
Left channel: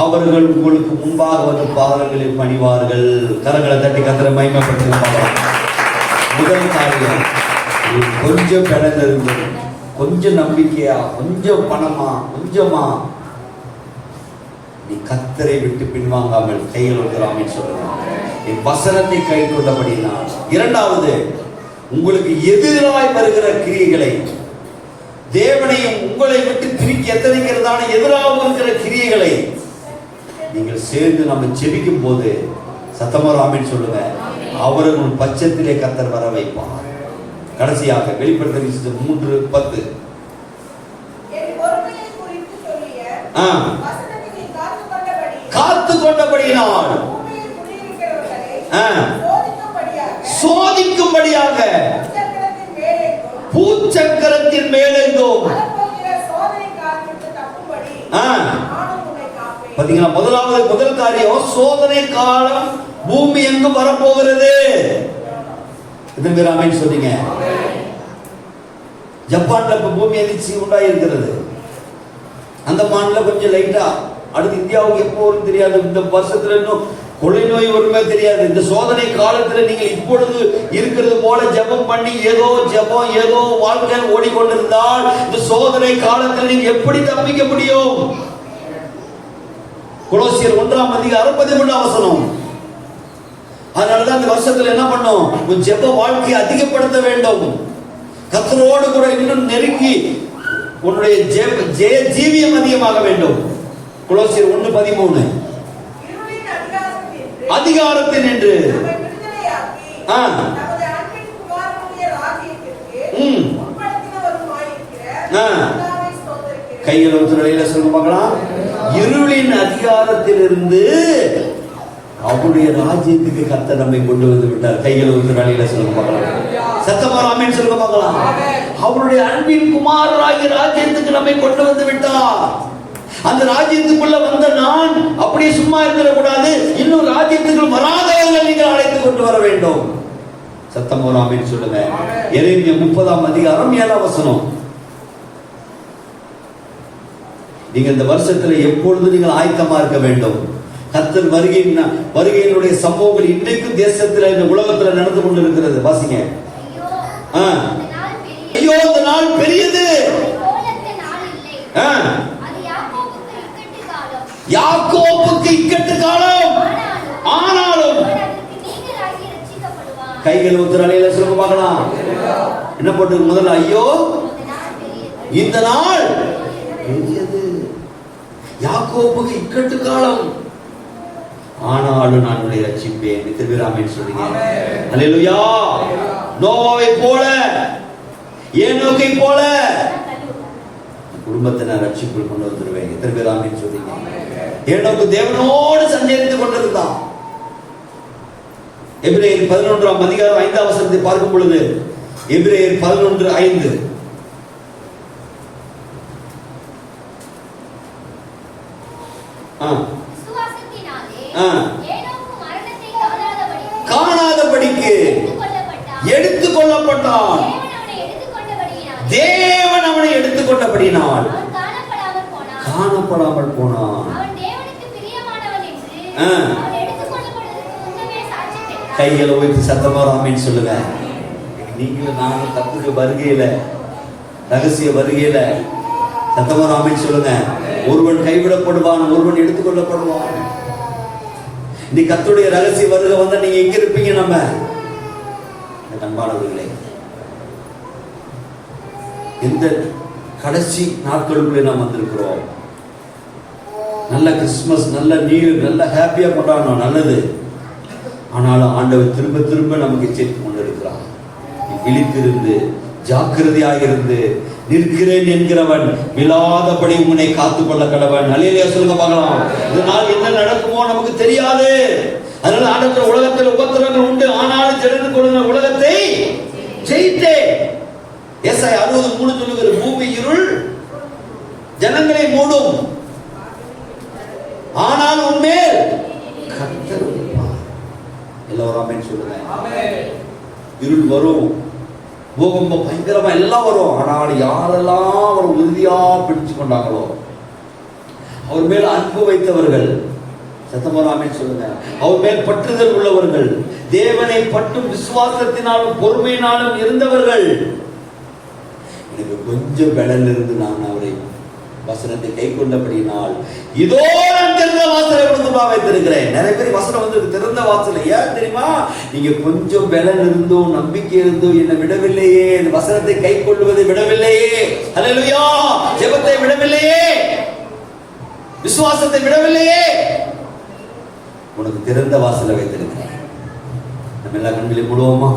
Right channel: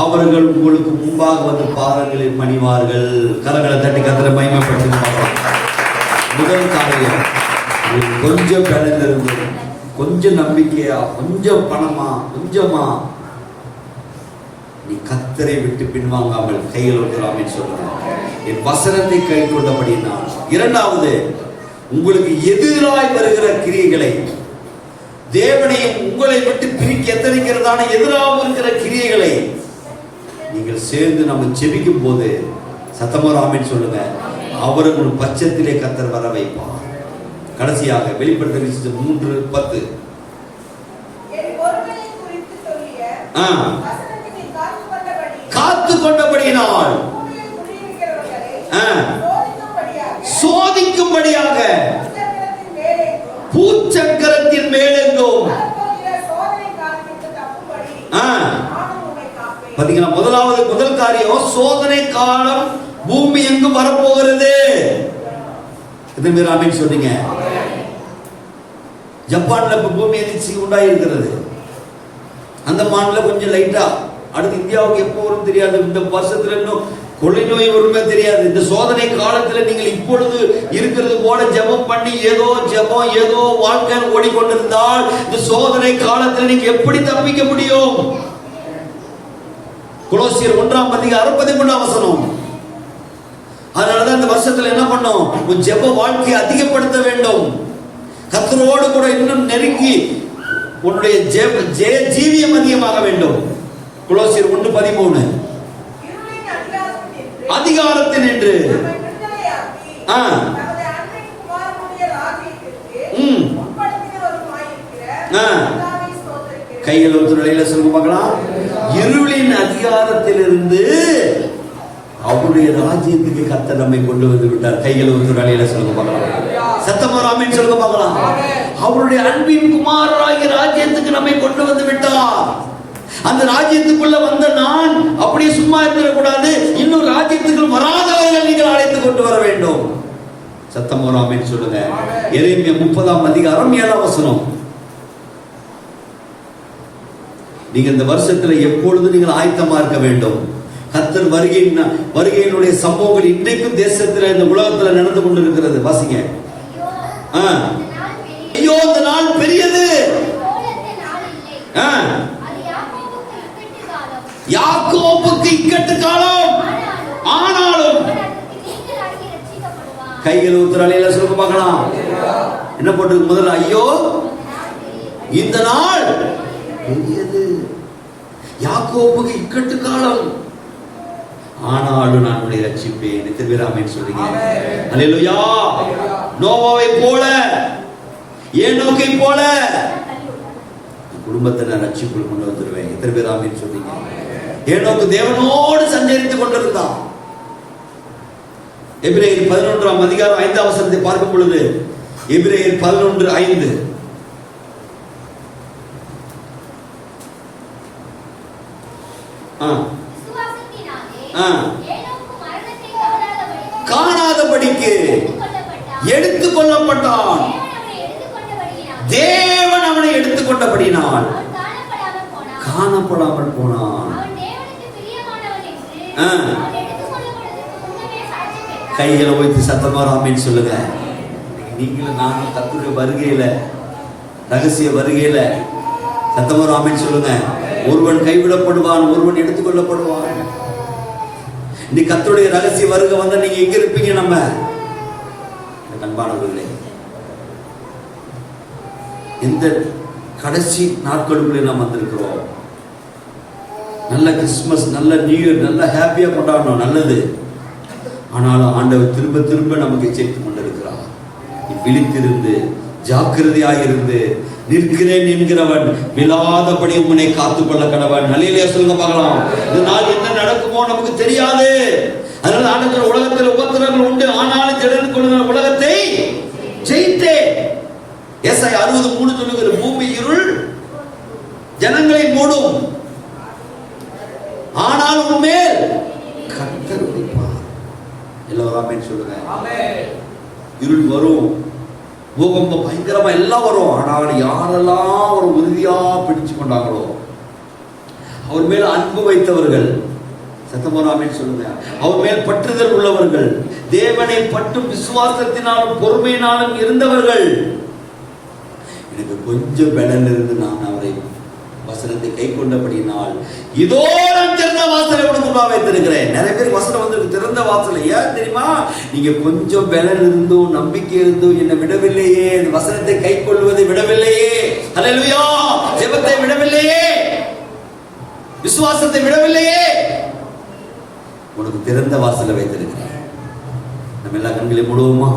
அவர்கள் உங்களுக்கு முன்பாக வந்து பாதங்களில் பணிவார்கள். கரங்களை தட்டி கத்திர மகிமைப்படுத்துவார்கள். முதல் காரியம், கொஞ்சம் பணம் இருந்து, கொஞ்சம் நம்பிக்கையா, கொஞ்சம் பணமா, கொஞ்சமா நீ கத்தரை விட்டு பின்வாங்காமல் கையில் இருக்கிறாமே சொல்லுங்க. என் வசனத்தை கை கொள்ளபடினால். இரண்டாவது, உங்களுக்கு எதிராய் வருகிற கிரியைகளை, தேவனையும் உங்களை விட்டு பிரிக்க எத்தனைக்கிறதான எதிராக இருக்கிற கிரியைகளை நீங்கள் சேர்ந்து நம்ம செபிக்கும் போது சத்தமா ஆமென் சொல்லுங்க. அவர்கள் பட்சத்திலே கர்த்தர் வர வைப்பார். கடைசியாக வெளிப்படுத்தல் 3:10. காத்து கொண்டபடியினால் சோதிக்கும்படியாக பூச்சக்கரத்தின் மேலெங்கும். பாத்தீங்களா? முதல் காரியம், சோதனை காலம் பூமி எங்கும் வரப்போகிறது. ஆமென் சொன்னீங்க. ஜப்பான்ல பூமி அதிர்ச்சி உண்டாயிருக்கிறது. அந்த மாநில கொஞ்சம் லைட்டா, அடுத்து இந்தியாவுக்கு எப்போ வரும் தெரியாது. இந்த வருஷத்துல இன்னும் கொள்ளை நோய் ஒருமே தெரியாது. இந்த சோதனை காலத்தில் நீங்கள் இப்பொழுது இருக்கிறது போல ஜெபம் பண்ணி ஏதோ ஜெபம் ஏதோ வாழ்க்கை ஓடிக்கொண்டிருந்தால் இந்த சோதனை காலத்தில் நீங்க எப்படி தப்பிக்க முடியும்? கொலோசியர் 1ஆம் அதிகாரம் 13ஆம் வசனம். அதனாலதான் இந்த வருஷத்துல என்ன பண்ணோம்? ஜெப வாழ்க்கையை அதிகப்படுத்த வேண்டும். கர்த்தரோடு கூட இன்னும் நெருங்கி உன்னுடைய ஜீவியம் அதிகமாக வேண்டும். கொலோசியர் 1:13. அதிகாரத்தில் என்று கையில் ஒரு நிலையில சொல்லுங்க பார்க்கலாம். இருளின் அதிகாரத்தில் இருந்து அவருடைய ராஜ்யத்துக்கு கர்த்தர் நம்மை கொண்டு வந்து விட்டார். கையில் ஒரு நிலையில சொல்லுங்க பார்க்கலாம். சத்தமா ஆமென் சொல்லுங்க பார்க்கலாம். அவருடைய அன்பின் குமாரராகிய ராஜ்யத்துக்கு நம்மை கொண்டு வந்து விட்டார். அந்த ராஜ்யத்துக்குள்ள வந்த நான் அப்படியே சும்மா இருக்கக்கூடாது. இன்னும் ராஜ்யத்துக்குள் வராதவர்கள் நீங்கள் அழைத்து கொண்டு வர வேண்டும். சத்தமா ஆமென் சொல்லுங்க. எரேமியா 30ஆம் அதிகாரம் 7ஆம் வசனம். நீங்க இந்த வருஷத்துல எப்பொழுது நீங்கள் ஆயத்தமா இருக்க வேண்டும். கர்த்தர் வருகையினுடைய சம்பவங்கள் இன்றைக்கும் தேசத்துல இந்த உலகத்துல நடந்து கொண்டிருக்கிறது. வாசிங்க. ஐயோ இந்த நாள் பெரியது. யாக்கோபுக்கு இக்கட்டு காலம், ஆனாலும் கைகள் உத்தரலையில சொல்ல பார்க்கலாம். என்ன போட்டு முதல்ல ஐயோ இந்த நாள் பெரியது. யாக்கோபுக்கு இக்கட்டு காலம், ஆனாலும் நான் உன்னை ரட்சிப்பேன். எத்தனை பேர் ஆமென் சொல்றீங்க? அல்லேலூயா. நோவாவை போல, ஏனோக்கை போல குடும்பத்தை நான் ரட்சிப்புக்குள் கொண்டு வந்துருவேன். எத்தனை பேர் ஆமென் சொல்றீங்க? ஏனோக்கு தேவனோடு சஞ்சரித்துக் கொண்டிருந்தான். எபிரேயர் 11ஆம் அதிகாரம் 5ஆம் வசனத்தை பார்க்கும் பொழுது, எபிரேயர் 11:5, காணாதபடிக்கு எடுத்துக் கொள்ளப்பட்டான். தேவன் அவனை எடுத்துக்கொண்டபடியினால் காணப்படாமல் போனான். கைகளை வைத்து சத்தமா ஆமென் சொல்லுங்க. நீங்களும் நானும் கர்த்தருடைய வருகையில, ரகசிய வருகையில சத்தமா ஆமென் சொல்லுங்க. ஒருவன் கைவிடப்படுவான், ஒருவன் எடுத்துக்கொள்ளப்படுவான். நீ கர்த்தருடைய ரகசிய வருகை வந்தா நீங்க எங்க இருப்பீங்க? நம்ம அன்பானவர்களே, இந்த கடைசி நாட்களுக்குள்ளே நாம் வந்திருக்கிறோம். நல்ல கிறிஸ்துமஸ், நல்ல நியூ இயர், நல்ல ஹாப்பியா கொண்டாடணும், நல்லது. ஆனாலும் ஆண்டவர் திரும்ப திரும்ப நமக்கு எச்சரித்துக் கொண்டிருக்கிறார். நீ விழித்திருந்து ஜாக்கிரதையாக இருந்து நிற்கிறேன் என்கிறவன் விழாதபடி உன்னை காத்துக்கொள்ள கடவன். அல்லேலூயா சொல்லுங்க பார்க்கலாம். இதனால் என்ன நடக்குமோ நமக்கு தெரியாது. அதனால ஆண்டவர் உலகத்தில் உபத்திரவங்கள் உண்டு, ஆனாலும் திடன் கொள்கிற உலகத்தை ஜெயித்தேன். ஏசாயா 60:3 சொல்லுகிற, பூமி இருள் ஜனங்களை மூடும், ஆனால் உன்மேல் கர்த்தர் இருப்பார். எல்லாரும் ஆமென் சொல்லுங்க. இருள் வரும், பூகம்பம் பயங்கரமா எல்லாம் வரும். ஆனால் யாரெல்லாம் அவர் உறுதியா பிடிச்சு கொண்டாங்களோ, அவர் மேல் அன்பு வைத்தவர்கள், சத்தமா ஆமென் சொல்லுங்க, அவர் மேல் பற்றுதல் உள்ளவர்கள், தேவனை பற்றும் விசுவாசத்தினாலும் பொறுமையினாலும் இருந்தவர்கள், எனக்கு கொஞ்சம் பலன் இருந்து நான் அவரை வசனத்தை கை கொண்டபடியினால் இதோ நான் திறந்த வாசலை உனக்கு வைத்திருக்கிறேன். நிறைய பேர் வசனம் வந்து திறந்த வாசலை. ஏன் தெரியுமா? நீங்க கொஞ்சம் பலன் இருந்தும் நம்பிக்கை இருந்தும் என்னை விடவில்லையே, வசனத்தை கை கொள்வதை விடவில்லையே, அல்லேலூயா, ஜெபத்தை விடவில்லையே, விசுவாசத்தை விடவில்லையே, உனக்கு திறந்த வாசலை வைத்திருக்கிறேன். நம்ம எல்லா கண்களையும் மூடுவோமா?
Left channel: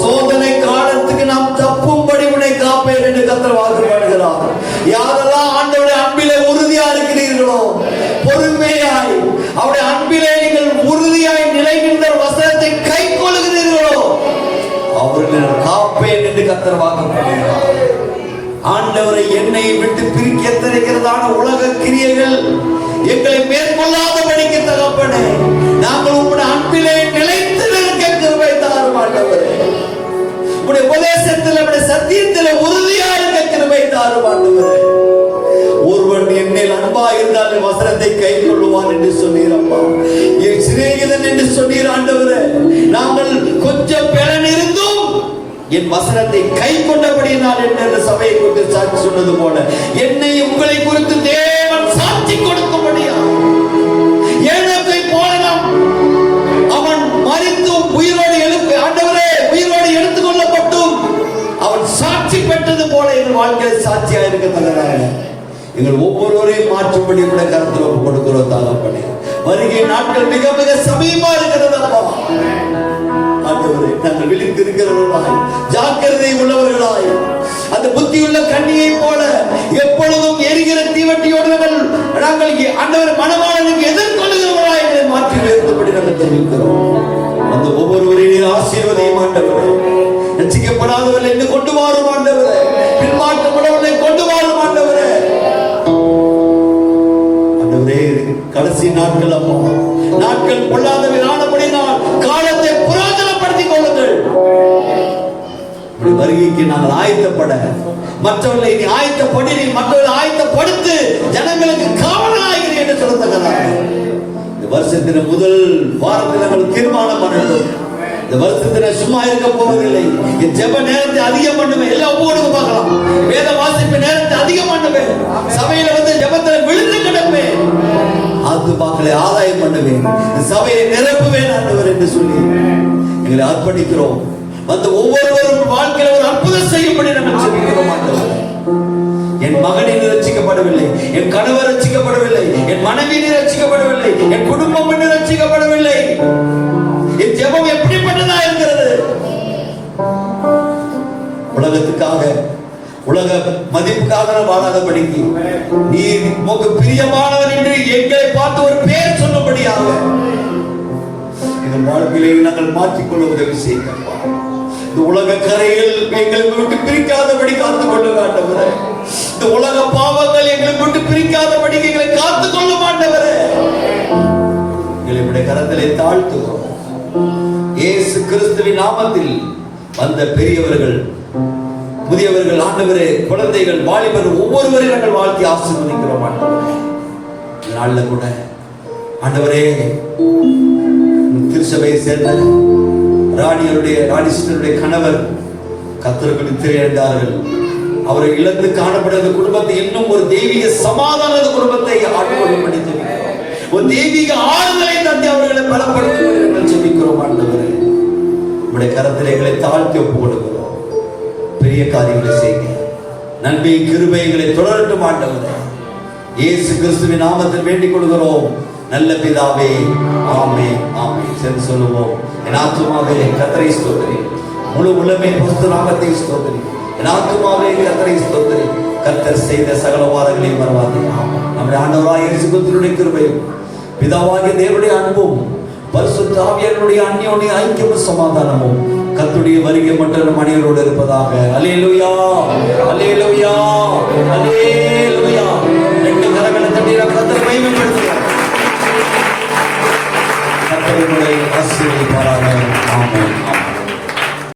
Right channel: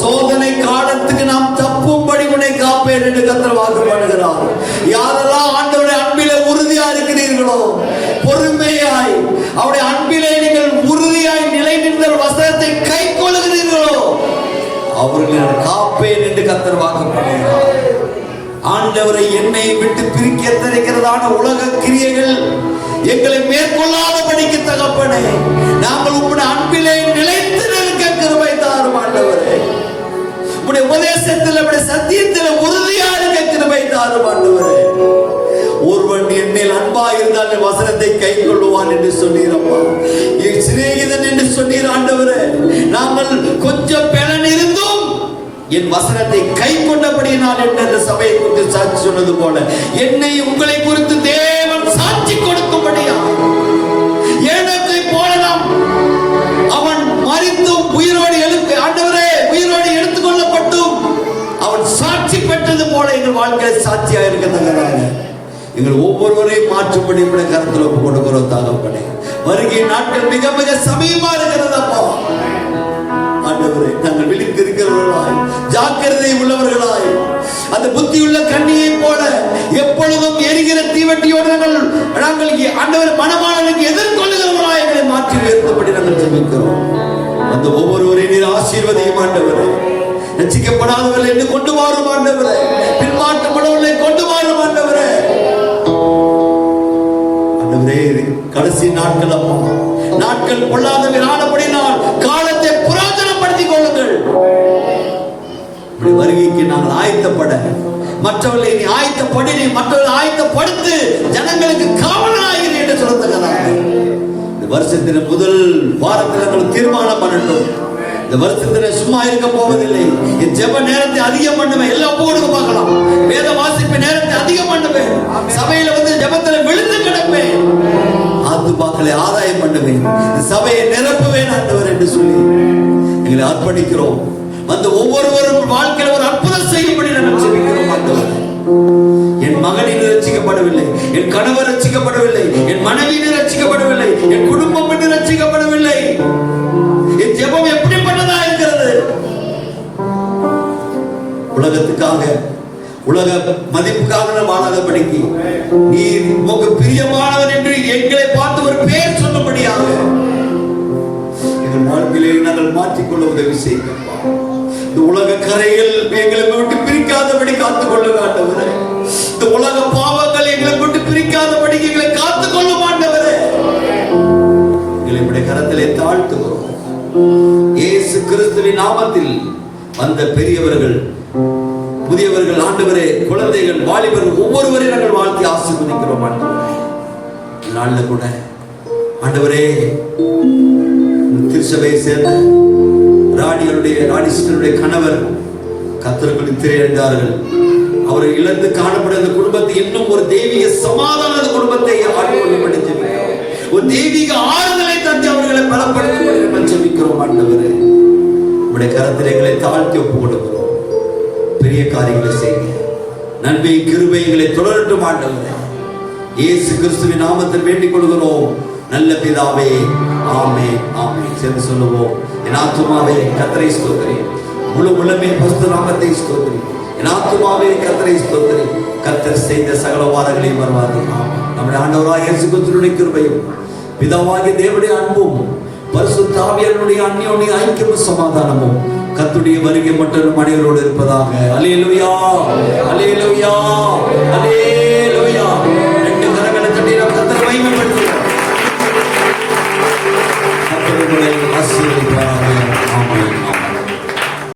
சோதனை காலத்துக்கு நாம் தப்பும்படி உன்னை காப்பேன் என்று கர்த்தர் வாக்கு பண்ணுகிறார். யாரெல்லாம் ஆண்டவருடைய அன்பிலே உறுதியா இருக்கிறீர்களோ, பொறுமையாய் அவருடைய அன்பிலே நீங்கள் உறுதியாய் நிலை நின்ற வசனத்தை கை கொள்கிறீர்களோ, அவர்களை காப்பேன் என்று கர்த்தர் வாக்கு பண்ணுகிறார். ஆண்டவரை என்னை விட்டு பிரிக்க திரைக்கிறதான உலக கிரியைகள் எங்களை மேற்கொள்ளாதபடிக்கு தகப்பனே, நாங்கள் உங்களுடைய அன்பிலே நிலைத்து நிற்க கிருபை தாரும் ஆண்டவரே. உங்களுடைய உபதேசத்தில், உங்களுடைய சத்தியத்தில் உறுதியா இருக்க கிருபை தாரும் ஆண்டவரே. ஒருவன் என்னில் அன்பா இருந்தால் வசனத்தை கை கொள்ளுவான் என்று சொன்னீரப்பா. என் சிநேகிதன் என்று சொன்னீர் ஆண்டவரே. நாங்கள் கொஞ்சம் பலன் இருந்தும் என் வசனத்தை கை கொண்டபடியினால் என்ற சபையை குறித்து சாட்சி சொன்னது போல என்னை உங்களை குறித்து தேவன் சாட்சி கொடுக்கும்படியா, ஏனோக்கை போலதான் அவன் மரித்தும் உயிரோடு எழுப்பி ஆண்டவரே உயிரோடு எடுத்துக் கொள்ளப்பட்டும் அவன் சாட்சி பெற்றது போல எங்கள் வாழ்க்கையில் சாட்சியாக இருக்க தகராக எங்கள் ஒவ்வொருவரையும் மாற்றும்படி கூட கருத்தில் ஒப்பு கொடுக்கிறோம் தாகப்பனே. வருகை நாட்கள் மிக மிக சமீபமா இருக்கிறது அப்பா. ஆண்டவரே, நாங்கள் விழித்து இருக்கிறவர்களாய், ஜாக்கிரதை உள்ளவர்களாய், அந்த புத்தியுள்ள கண்ணியை போல எப்பொழுதும் எரிகிற தீவட்டியோடு நாங்கள் ஆண்டவர் மனமானவர்களுக்கு எதிர்கொள்ளுகிறவர்களாய் எங்களை மாற்றி உயர்த்தப்படி நாங்கள் தெரிவிக்கிறோம். அந்த ஒவ்வொருவரையும் ஆசீர்வதியும் ஆண்டவரே. ரட்சிக்கப்படாதவர்கள் என்று கொண்டு வாரும் ஆண்டவரே, பின்மாற்றப்படவில்லை கொண்டு வாரும் ஆண்டவரே. ஆண்டவரே, கடைசி நாட்கள் அப்பா, நாட்கள் பொல்லாதவை ஆனபடினால் காலத்தை புராதனப்படுத்திக் கொள்ளுங்கள். வருகைக்கு நாங்கள் ஆயத்தப்பட, மற்றவர்களை நீ ஆயத்தப்படி, நீ மற்றவர்களை ஆயத்தப்படுத்து, ஜனங்களுக்கு காவலாகிறீர்கள் என்று சொல்லுகிறார். இந்த வருஷத்தின் முதல் வாரத்தில் நாங்கள் தீர்மானம் பண்ணணும். இந்த வருஷத்துல சும்மா இருக்க போவதில்லை. என் ஜெப நேரத்தை அதிகம் பண்ணுவேன். எல்லாம் போடுங்க பார்க்கலாம். வேத வாசிப்பு நேரத்தை அதிகம் பண்ணுவேன். சபையில வந்து ஜெபத்துல விழுந்து கிடப்பேன். அது மக்களை ஆதாயம் பண்ணுவேன். சபையை நிரப்புவேன் ஆண்டவர் என்று சொல்லி எங்களை அர்ப்பணிக்கிறோம். வந்து ஒவ்வொருவரும் வாழ்க்கையில் ஒரு அற்புதம் செய்யும்படி நாங்கள் ஜெபிக்கிறோம் ஆண்டவரே. என் மகன் இன்னும் ரட்சிக்கப்படவில்லை, என் கணவர் ரட்சிக்கப்படவில்லை, என் மனைவி ரட்சிக்கப்படவில்லை, என் குடும்பம் ரட்சிக்கப்படவில்லை, உலக மதிப்புக்காக வாழாதபடிக்கு நீர் உமக்கு பிரியமானவர் என்று எங்களை பார்த்து ஒரு பெயர் சொன்னபடியாக எங்கள் வாழ்க்கையிலே நாங்கள் மாற்றிக்கொள்ள உதவி செய்கிறோம். இந்த உலக கரையில் எங்களை விட்டு பிரிக்காதபடி காத்துக் கொள்ள மாட்டவரே. இந்த உலக பாவங்கள் எங்களை விட்டு பிரிக்காதபடி எங்களை காத்துக் கொள்ள மாட்டவரே. எங்களை கரத்திலே தாழ்த்துகிறோம். இயேசு கிறிஸ்துவின் நாமத்தில் வந்த பெரியவர்கள், புதியவர்கள், ஆண்டவரே, குழந்தைகள், வாலிபர்கள் ஒவ்வொருவரையும் நாங்கள் வாழ்த்தி ஆசீர்வதிக்கிறோம். ஆண்டவரே, இந்த நாள்ல கூட ஆண்டவரே திருச்சபையை சேர்ந்த ராணியருடைய கணவர் கர்த்தருக்கு திரையடைந்தார்கள். அவரை இழந்து காணப்பட அந்த குடும்பத்தை இன்னும் ஒரு தெய்வீக சமாதான குடும்பத்தை ஆட்கொள்ளப்படுத்தி ஒரு தெய்வீக ஆறுதலை தந்து அவர்களை பலப்படுத்த ஜெபிக்கிறோம். ஆண்டவரே, உடைய கரத்தில் எங்களை தாழ்த்தி ஒப்புக் கொடுக்கிறோம். பெரிய காரியங்களை செய்ய நன்மை கிருபைகளை தொடரட்டும். ஆண்டவரே, இயேசு கிறிஸ்துவின் நாமத்தில் வேண்டிக் கொள்கிறோம் நல்ல பிதாவே, ஆமென், ஆமென். சேர்ந்து சொல்லுவோம். என் ஆத்துமாவே கர்த்தரை ஸ்தோத்திரி, முழு உள்ளமே பரிசுத்த நாமத்தை ஸ்தோத்திரி. என் ஆத்துமாவே கர்த்தரை ஸ்தோத்திரி, கர்த்தர் செய்த சகல வாரங்களையும் மறவாதே. நம்முடைய ஆண்டவராகிய இயேசு கிறிஸ்துவின் கிருபையும் பிதாவாகிய தேவனுடைய அன்பும் பரிசுத்த ஆவியானவருடைய அந்யோன்ய ஐக்கியமும் சமாதானமும் கர்த்தருடைய வருகை மட்டும் மனிதர்களோடு இருப்பதாக. அல்லேலூயா, அல்லேலூயா, அல்லேலூயா.